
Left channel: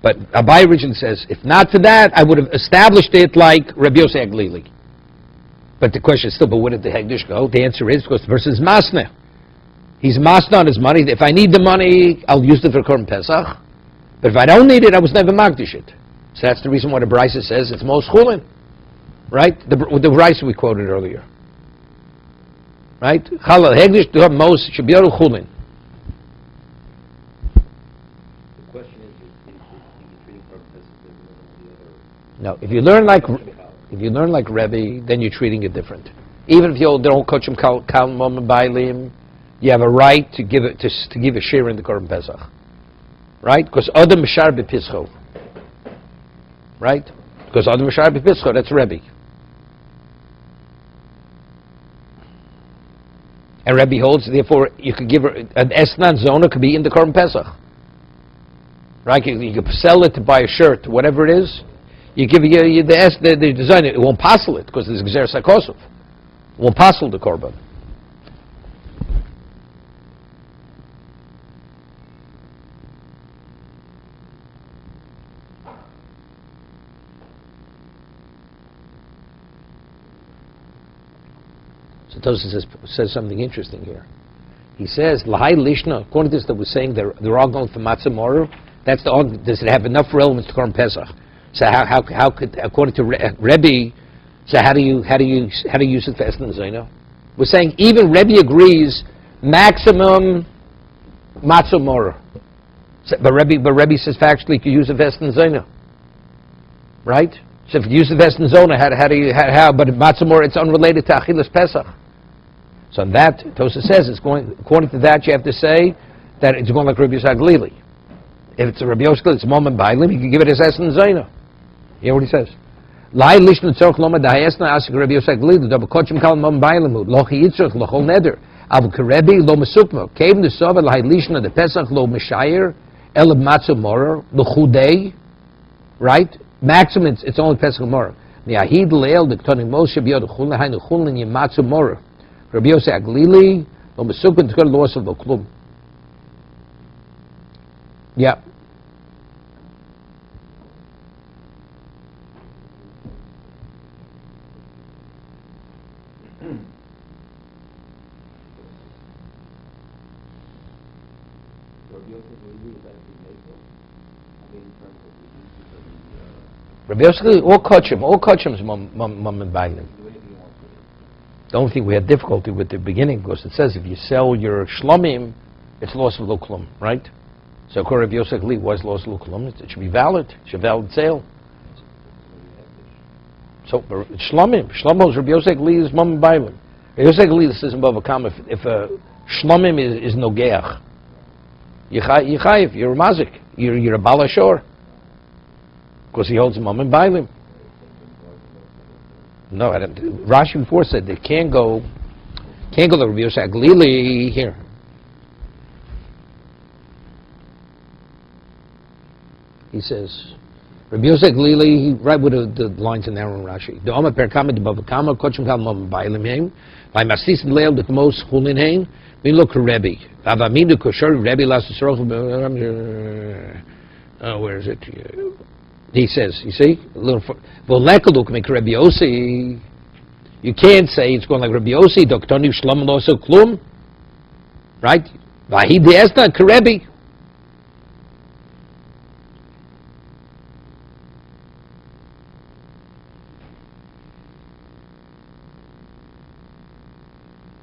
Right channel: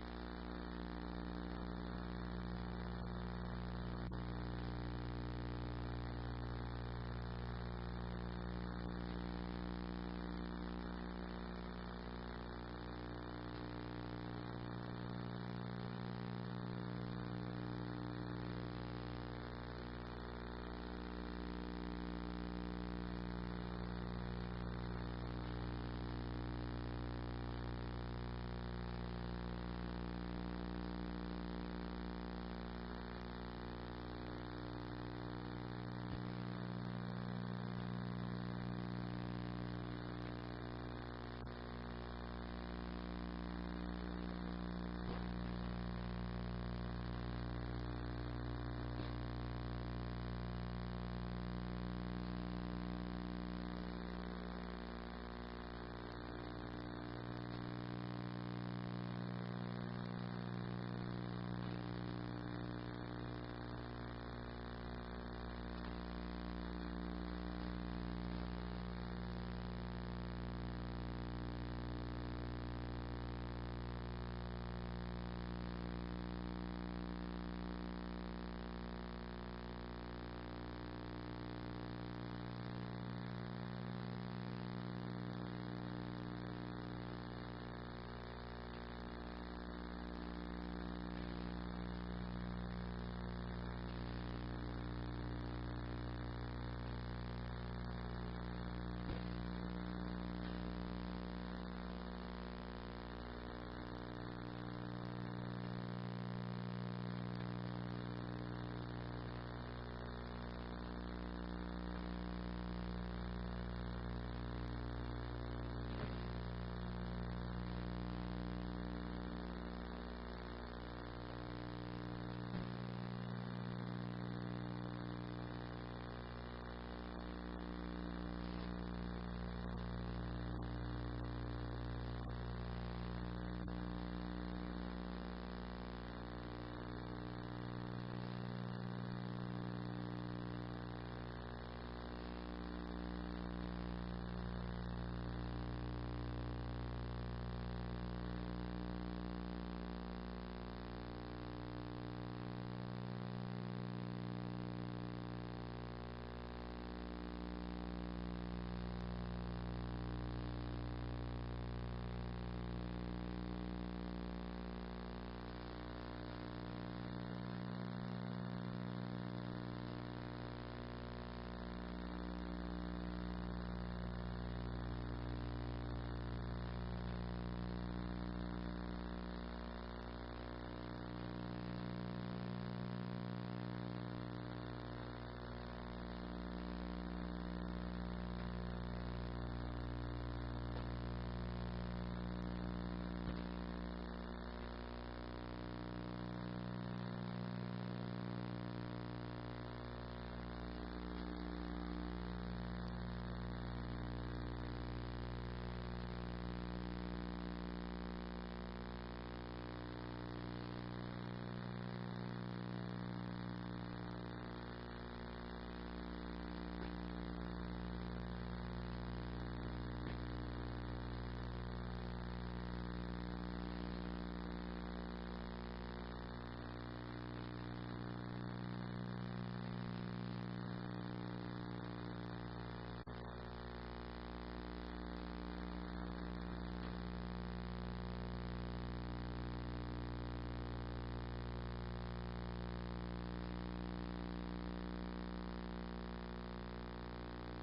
But Abaye originally says, if not for that, I would have established it like Rabbi Yosef Aglili. But the question is still, but where did the Hegdish go? The answer is because the person is masna. He's masna on his money. If I need the money, I'll use it for Korban Pesach. But if I don't need it, I was never magdish it. So that's the reason why the Brisa says it's most chulin. Right? The rice we quoted earlier. Right? Chalal hegdish to have most shabiyaru chulin. No, if you learn like Rebbe, then you're treating it different. Even if you don't coach him kal mom and bailim, you have a right to give it to give a share in the Korban Pesach. Right? Because Adam Mishar B'Pischo. Right? Because Adam Mishar B'Pischo, that's Rebbe. And Rebbe holds, therefore, you could give her, an Esnan Zona could be in the Korban Pesach. Right? You could sell it to buy a shirt, whatever it is. You give the designer, it won't passel it, because there's Gzer Sakosov. It won't passel the Korban. Tosis says something interesting here. He says, Lahai Lishna, according to this that we're saying they're all going for Matzah Morer, does it have enough relevance to Korban Pesach? So how could, according to Rebbe, so how do you use it for Esnan Zaino? We're saying even Rebbe agrees maximum Matzah Morer. So, but Rebbe says factually you can use it for Esnan Zaino. Right? So if you use the Esnan Zona, how? But Matzah Morer, it's unrelated to Achilas Pesach. So that, Tosa says, it's going, according to that, you have to say that it's going like Rabbi Yosef Aglili. If it's a Rabbi Yosef, it's Mom and Bailim, you can give it as Esnan Zaina. You hear what he says? Lai lishnu tzorch loma da'esna asik Rabbi Yosef Aglili, double kochim kal Mom Bailim, lochi yitzrach, lochol neder, abu karebi, lo mesukmo, keim the sova, lai lishnu, the Pesach, lo meshayir, elab matzu morer, lo chudei, right? Maximum, it's only Pesach morer. Mi'ahid le'el, the ktonim moshe b'yod chulin, hainu chulin yim matzu morer. Rabbi Yosef Aglili, lo mesukmo, tkor lo osov lo klum. Yeah. Rabbi Yosef, all kachim is mom and bailim. The only thing we had difficulty with the beginning because it says if you sell your shlomim, it's loss of lo klum, right? So according to Rabbi Yosef Lee, was loss of lo klum. It should be valid. It should be valid sale. So shlomim is Rabbi Yosef Lee is mom and bailim. Rabbi Yosef Lee says above a comma if a shlomim is nogeach, you're a mazik, you're a balashor. Because he holds a mom and bailim. No, Rashi before said they can't go to Rabbi Yosef Aglili here. He says, Rabbi Yosef Glili, he right with the lines in there in Rashi. The Omer per Kama, the Bava Kama, Kochim Kal Mom Bailim Hain, by Masis and Leil, the most Hulin Hain, we look at Rebbe. Avamin the Kosher, Rebbe last where is it? He says, you see? A little well, Lekaluk make Rabbi Yossi. You can't say it's going like Rabbi Yossi, Doktoni Shlom Loso Klum. Right? Vahid the Esna Karebi.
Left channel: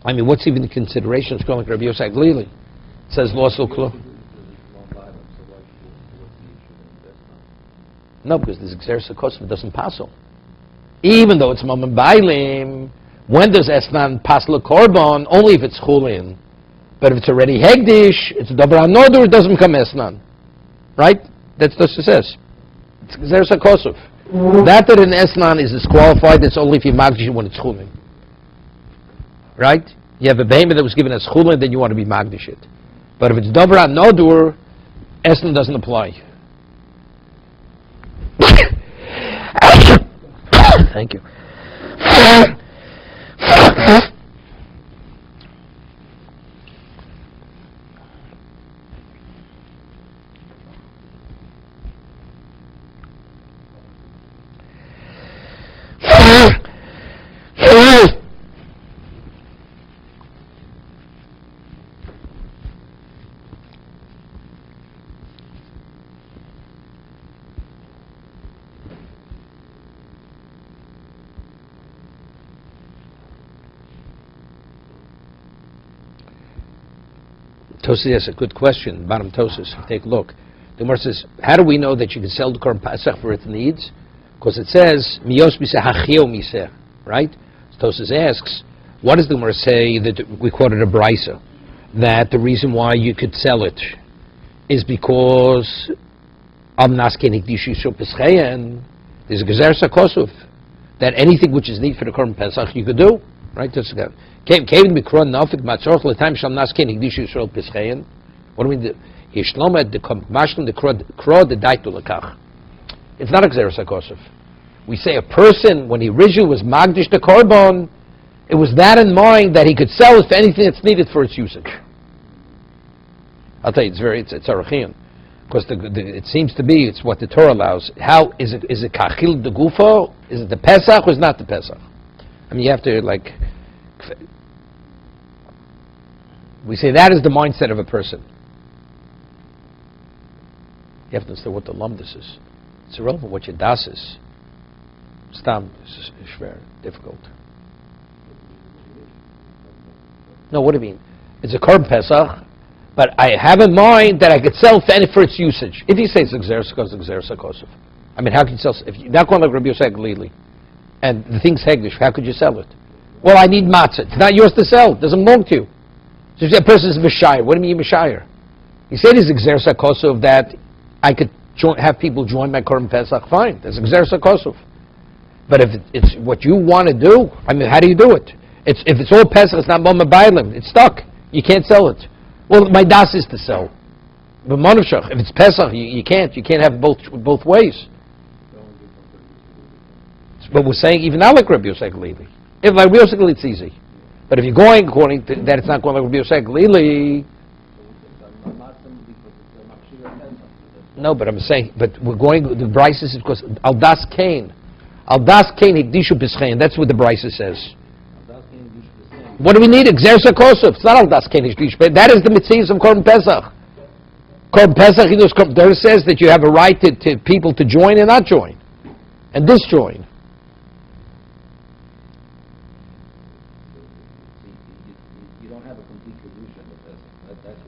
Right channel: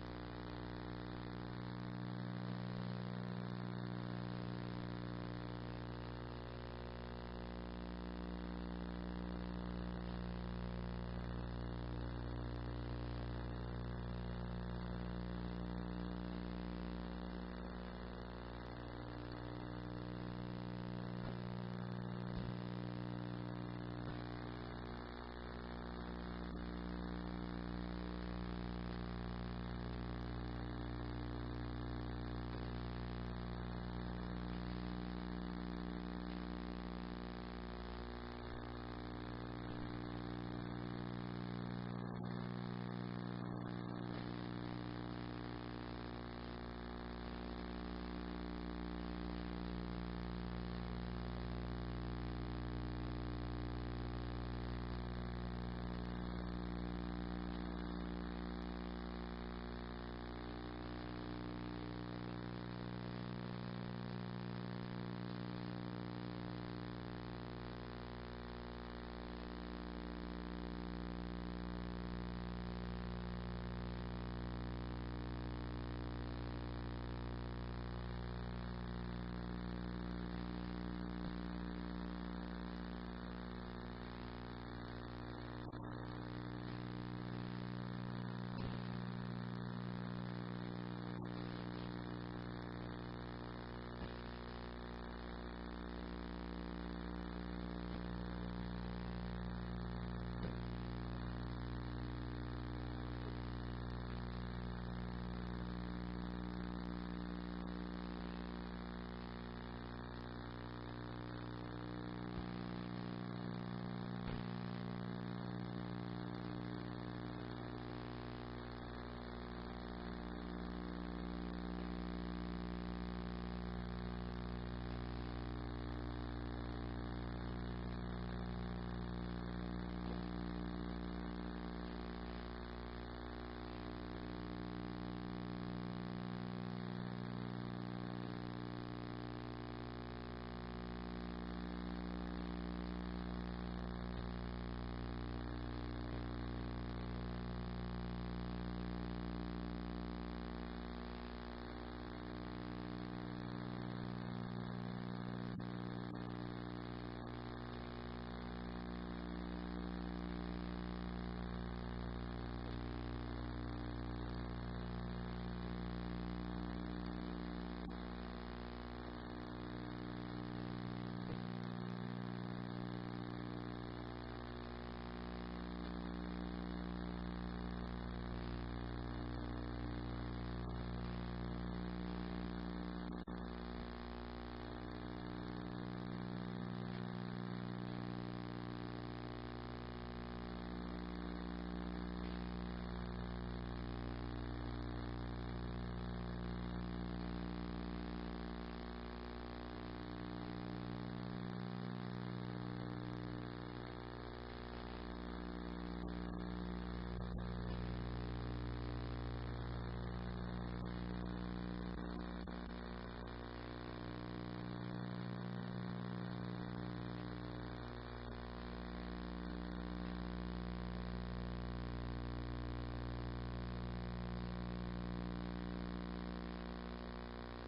I mean, what's even the consideration? It's going like Rabbi Yossi Glili. It says Loso Klum. No, because this Xeris HaKosov doesn't pass on. Even though it's Mamam Bailim, when does Esnan pass Korban? Only if it's Chulin. But if it's already Hegdish, it's Dabra Nodur, it doesn't become Esnan. Right? That's what it says. It's Xeris HaKosov. That an Esnan is disqualified, it's only if you Magdish when it's Chulin. Right? You have a behemoth that was given as Chulin, then you want to be Magdish it. But if it's Dabra Nodur, Esnan doesn't apply. Thank you. Tosis has a good question. Bottom Tosis, take a look. The Gemara says, how do we know that you can sell the Korban Pesach for its needs? Because it says, Miyos miseh hachio miseh, right? Tosis asks, what does the Gemara say that we quoted a brisa, that the reason why you could sell it is because there's a Gezer Sakosuf, that anything which is needed for the Korban Pesach you could do, right? That's good. What do we mean? It's not a Gzeres HaKosov. We say a person, when he originally was Magdish the Korban, it was that in mind that he could sell it for anything that's needed for its usage. I'll tell you, it's Arachian. Because it seems to be, it's what the Torah allows. How, is it Kachil de Gufo? Is it the Pesach or is it not the Pesach? I mean, you have to, like, we say that is the mindset of a person. You have to understand what the lumdus is. It's irrelevant what your das is. Stam is very difficult. No, what do you mean? It's a Korban Pesach, but I have in mind that I could sell for its usage. If you say it's Xeris HaKosov, I mean, how can you sell? If you're not going like Rabbi Yosef Glili, and the thing's Hegdish, how could you sell it? Well, I need matzah. It's not yours to sell. It doesn't belong to you. So if a person is Mishayir, what do you mean Mishayir? He said it's Xeris HaKosov that I could have people join my Korban Pesach, fine. That's Xeris HaKosov. But if it's what you want to do, I mean, how do you do it? If it's all Pesach, it's not Mama Bailim. It's stuck. You can't sell it. Well, my das is to sell. But Manavshach, if it's Pesach, you can't. You can't have both ways. But we're saying, even not like Rabbi Yosef Glili. If like Rabbi Yosef Glili, it's easy. But if you're going according to that, it's not going like Rabbi Yosef Glili. No, but I'm saying, but we're going, the Bryce is because Al Das Kain Hikdishu Pischein. That's what the Bryce says. What do we need? Xeris HaKosov. It's not Al Das Kain Hikdishu. That is the mitzvahs of Korban Pesach. Korban Pesach, there says that you have a right to people to join and not join, and disjoin.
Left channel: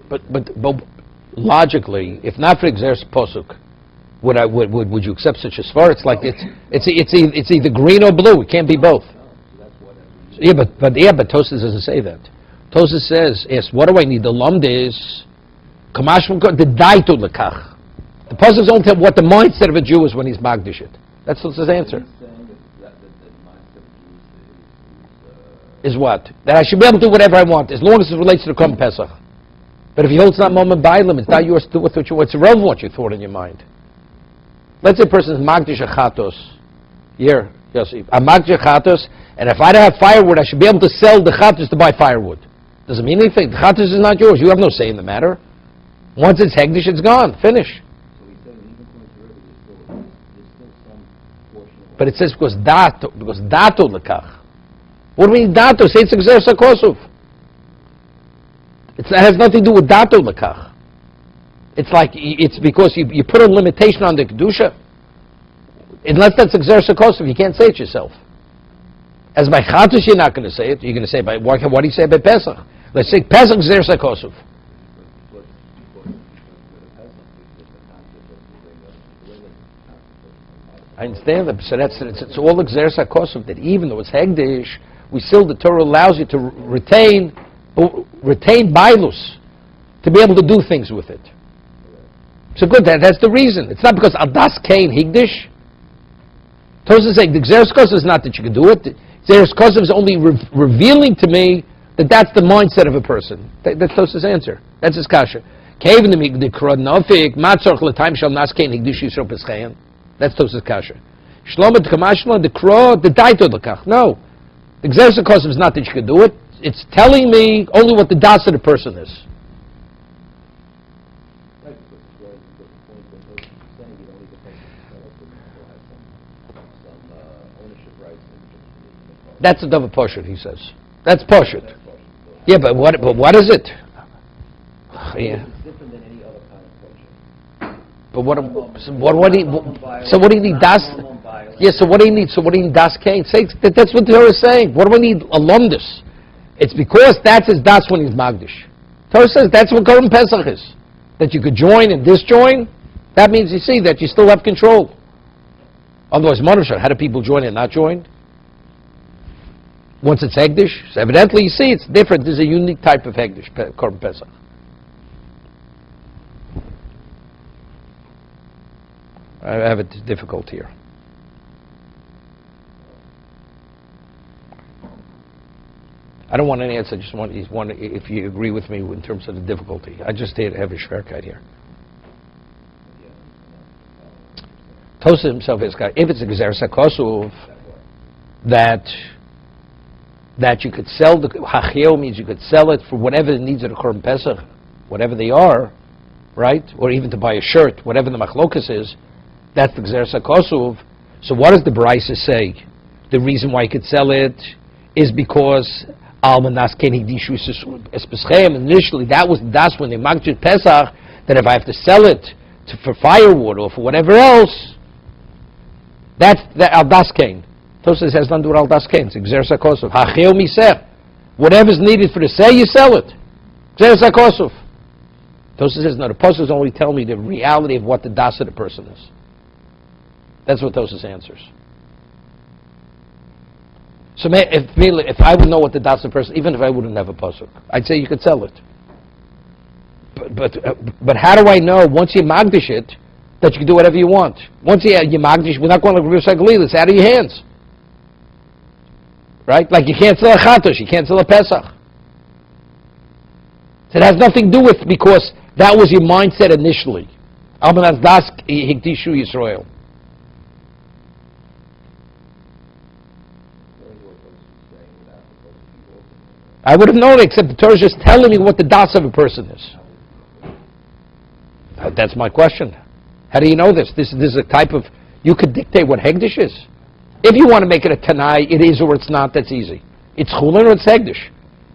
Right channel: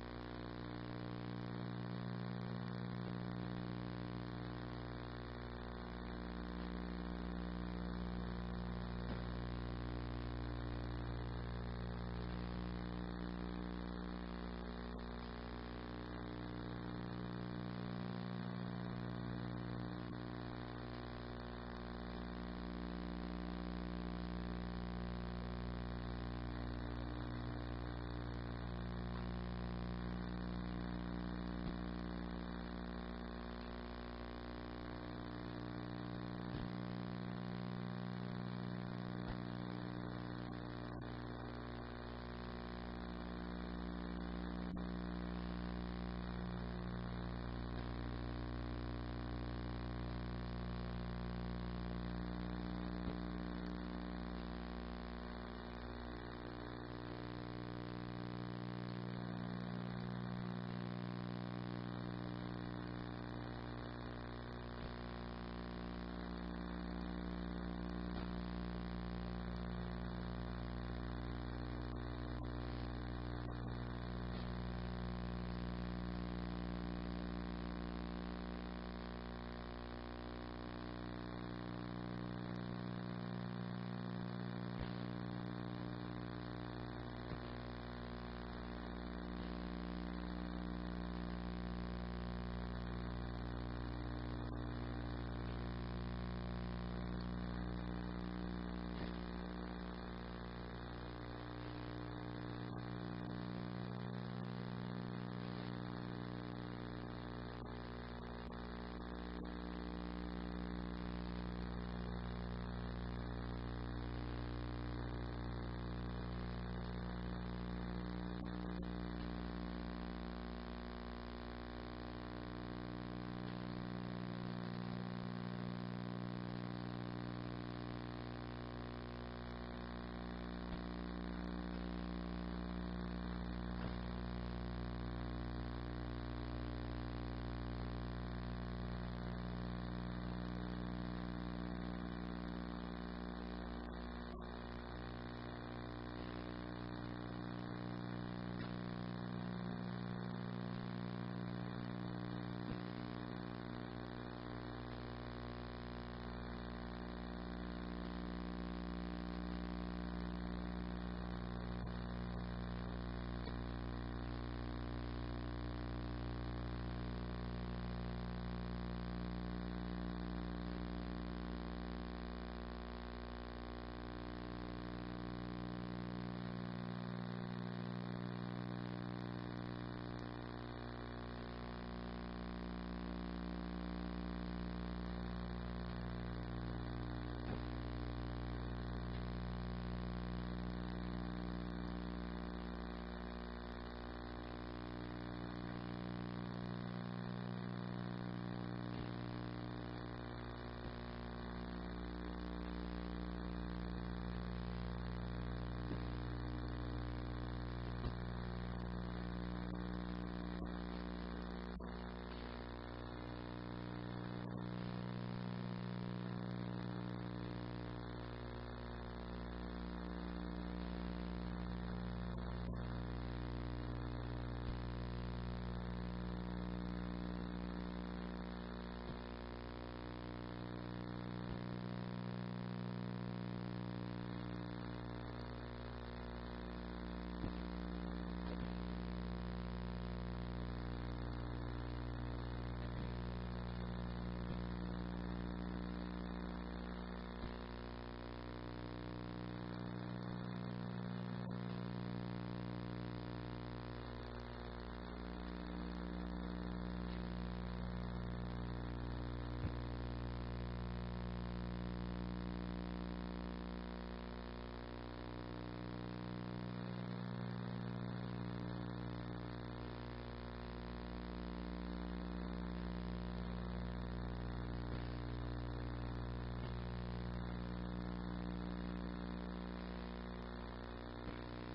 But logically, if not for Xeris Posuk, would you accept such a svar? It's like it's either green or blue. It can't be both. Yeah, but Tosas doesn't say that. Tosas says, yes. What do I need? The lumd is kamash from the daitu lekach. The Posuk don't tell what the mindset of a Jew is when he's magdish it. That's his answer. Is what? That I should be able to do whatever I want as long as it relates to the Korban Pesach. But if you hold it's not moment bailim, it's not yours to do with what it's irrelevant what you thought in your mind. Let's say a person is magdish achatos. Here, Yossi. I'm magdish achatos, and if I don't have firewood, I should be able to sell the chatos to buy firewood. Doesn't mean anything. The chatos is not yours. You have no say in the matter. Once it's hegdish, it's gone. Finish. But it says because dato lekach. What do we mean dato? Say it's exer sakosuf. It has nothing to do with dato lekach. It's like, it's because you put a limitation on the kedusha. Unless that's exer sakosuf, you can't say it yourself. As by chatos, you're not going to say it. You're going to say by what do you say by Pesach? Let's say Pesach exer sakosuf. I understand that, so it's all exer sakosuf, that even though it's hegdish, we still, the Torah allows you to retain bailus, to be able to do things with it. So good, that's the reason. It's not because Aldas Kain Higdish. Tosafos is saying the Xeris Kosov is not that you can do it. Xeris Kosov is only revealing to me that that's the mindset of a person. That's Tosafos' answer. That's his kasha. That's Tosafos' kasha. Shlomo T'kamashma the Kro the Daito L'kach. No, the Xeris Kosov is not that you can do it. It's telling me only what the das of the person is. That's a double poshut, he says. That's poshut. Yeah, but what is it? Yeah. But what do you need das? Yeah, so what do you need? So what do you need das kain? Say that's what the Torah is saying. What do I need alumnus? It's because that's his das when he's magdish. Torah says that's what Korban Pesach is. That you could join and disjoin. That means you see that you still have control. Otherwise, Monusha, how do people join and not join? Once it's hegdish, so evidently you see it's different. There's a unique type of hegdish, Korban Pesach. I have it difficult here. I don't want an answer. I just want if you agree with me in terms of the difficulty. I just have a shverkite here. Tosa himself is if it's a gezer sakosov that you could sell the hachio means you could sell it for whatever the needs of the Korban Pesach, whatever they are, right? Or even to buy a shirt, whatever the machlokas is. That's the gezer sakosov. So what does the Brisa say? The reason why you could sell it is because initially that was das when they magdid Pesach, that if I have to sell it for firewood or for whatever else, that's the aldas kain. Tosafos has nothing to do with aldas kain. It's exer sakosov. Hacheo miseh. Whatever's needed for the sale, you sell it. Exer sakosov. Tosafos says no. The Tosafos only tell me the reality of what the das of the person is. That's what Tosafos answers. So if I would know what the das of the person, even if I wouldn't have a pasuk, I'd say you could sell it. But how do I know once you magdish it that you can do whatever you want? Once you magdish, we're not going to recycle. It's out of your hands, right? Like you can't sell a chatosh, you can't sell a pesach. So it has nothing to do with because that was your mindset initially. Almanas das hikdishu Yisrael. I would have known it, except the Torah is just telling me what the das of a person is. That's my question. How do you know this? This is a type of, you could dictate what hegdish is. If you want to make it a tanai, it is or it's not, that's easy. It's chulin or it's hegdish.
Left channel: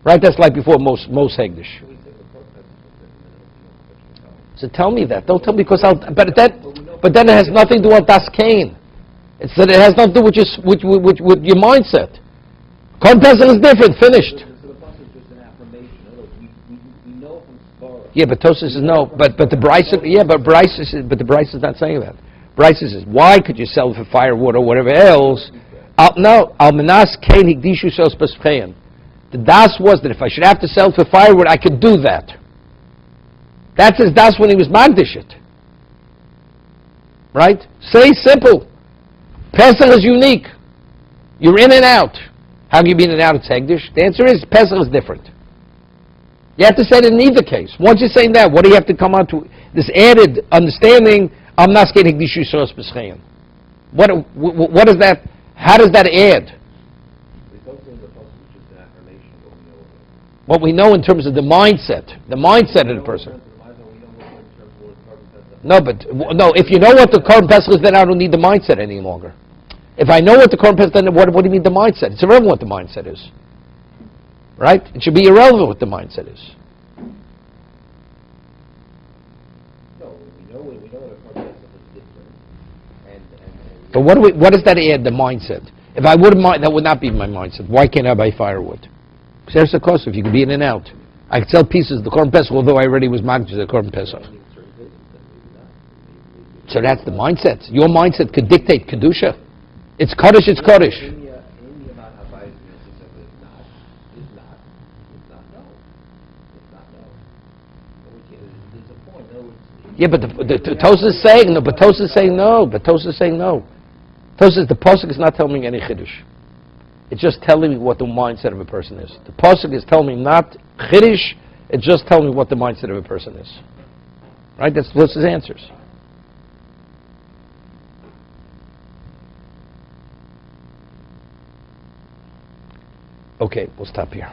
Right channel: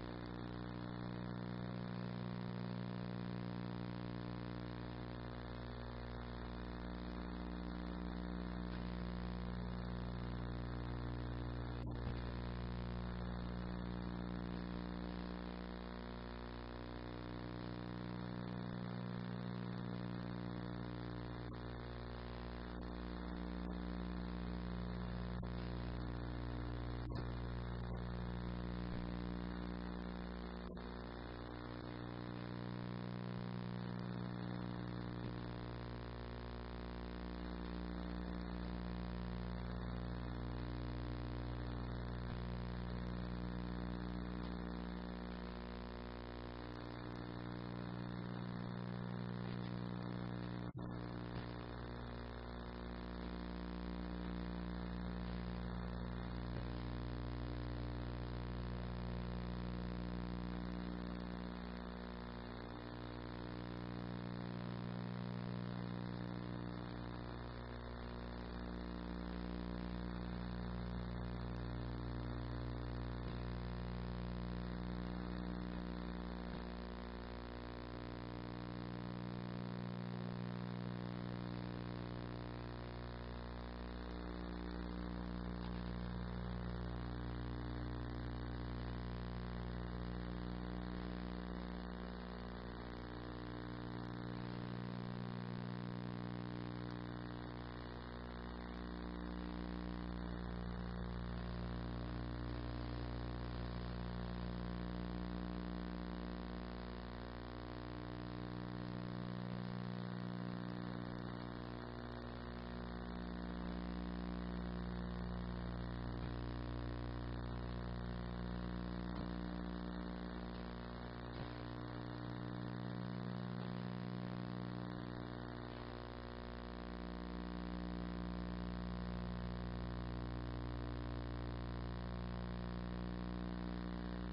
Right? That's like before most hegdish. So tell me that. Don't tell me because but then it has nothing to do with das kain. It's that it has nothing to do with your mindset. Korban Pesach is different, finished. Yeah, but Tosafos says no. But the Brisa, yeah, but the Brisa is not saying that. Brisa says, why could you sell it for firewood or whatever else? No, almanas kain higdishu sos pespein. The das was that if I should have to sell it for firewood, I could do that. That's his das when he was magdish it. Right? Say simple. Pesach is unique. You're in and out. How can you be in and out? It's hegdish. The answer is Pesach is different. You have to say it in either case. Once you're saying that, what do you have to come on to? This added understanding I'm not getting Hikdishu Sos B'Schein. What is that? How does that add? What we know in terms of the mindset of the person. No, if you know what the Korban Pesach is, then I don't need the mindset any longer. If I know what the Korban Pesach is, then what do you mean the mindset? It's irrelevant what the mindset is. Right? It should be irrelevant what the mindset is. But what does that add, the mindset? If I wouldn't mind, that would not be my mindset. Why can't I buy firewood? Because there's the cost if you could be in and out. I could sell pieces of the Korban Pesach, although I already was marked to the Korban Pesach. So that's the mindset. Your mindset could dictate Kedusha. It's Kaddish, it's Kaddish. Yeah, but the Tosas is saying no. But Tosas is saying no. Tosas, the pasuk is not telling me any chiddush. It's just telling me what the mindset of a person is. The pasuk is telling me not chiddush. It's just telling me what the mindset of a person is. Right? That's Tosas' answers. Okay, we'll stop here.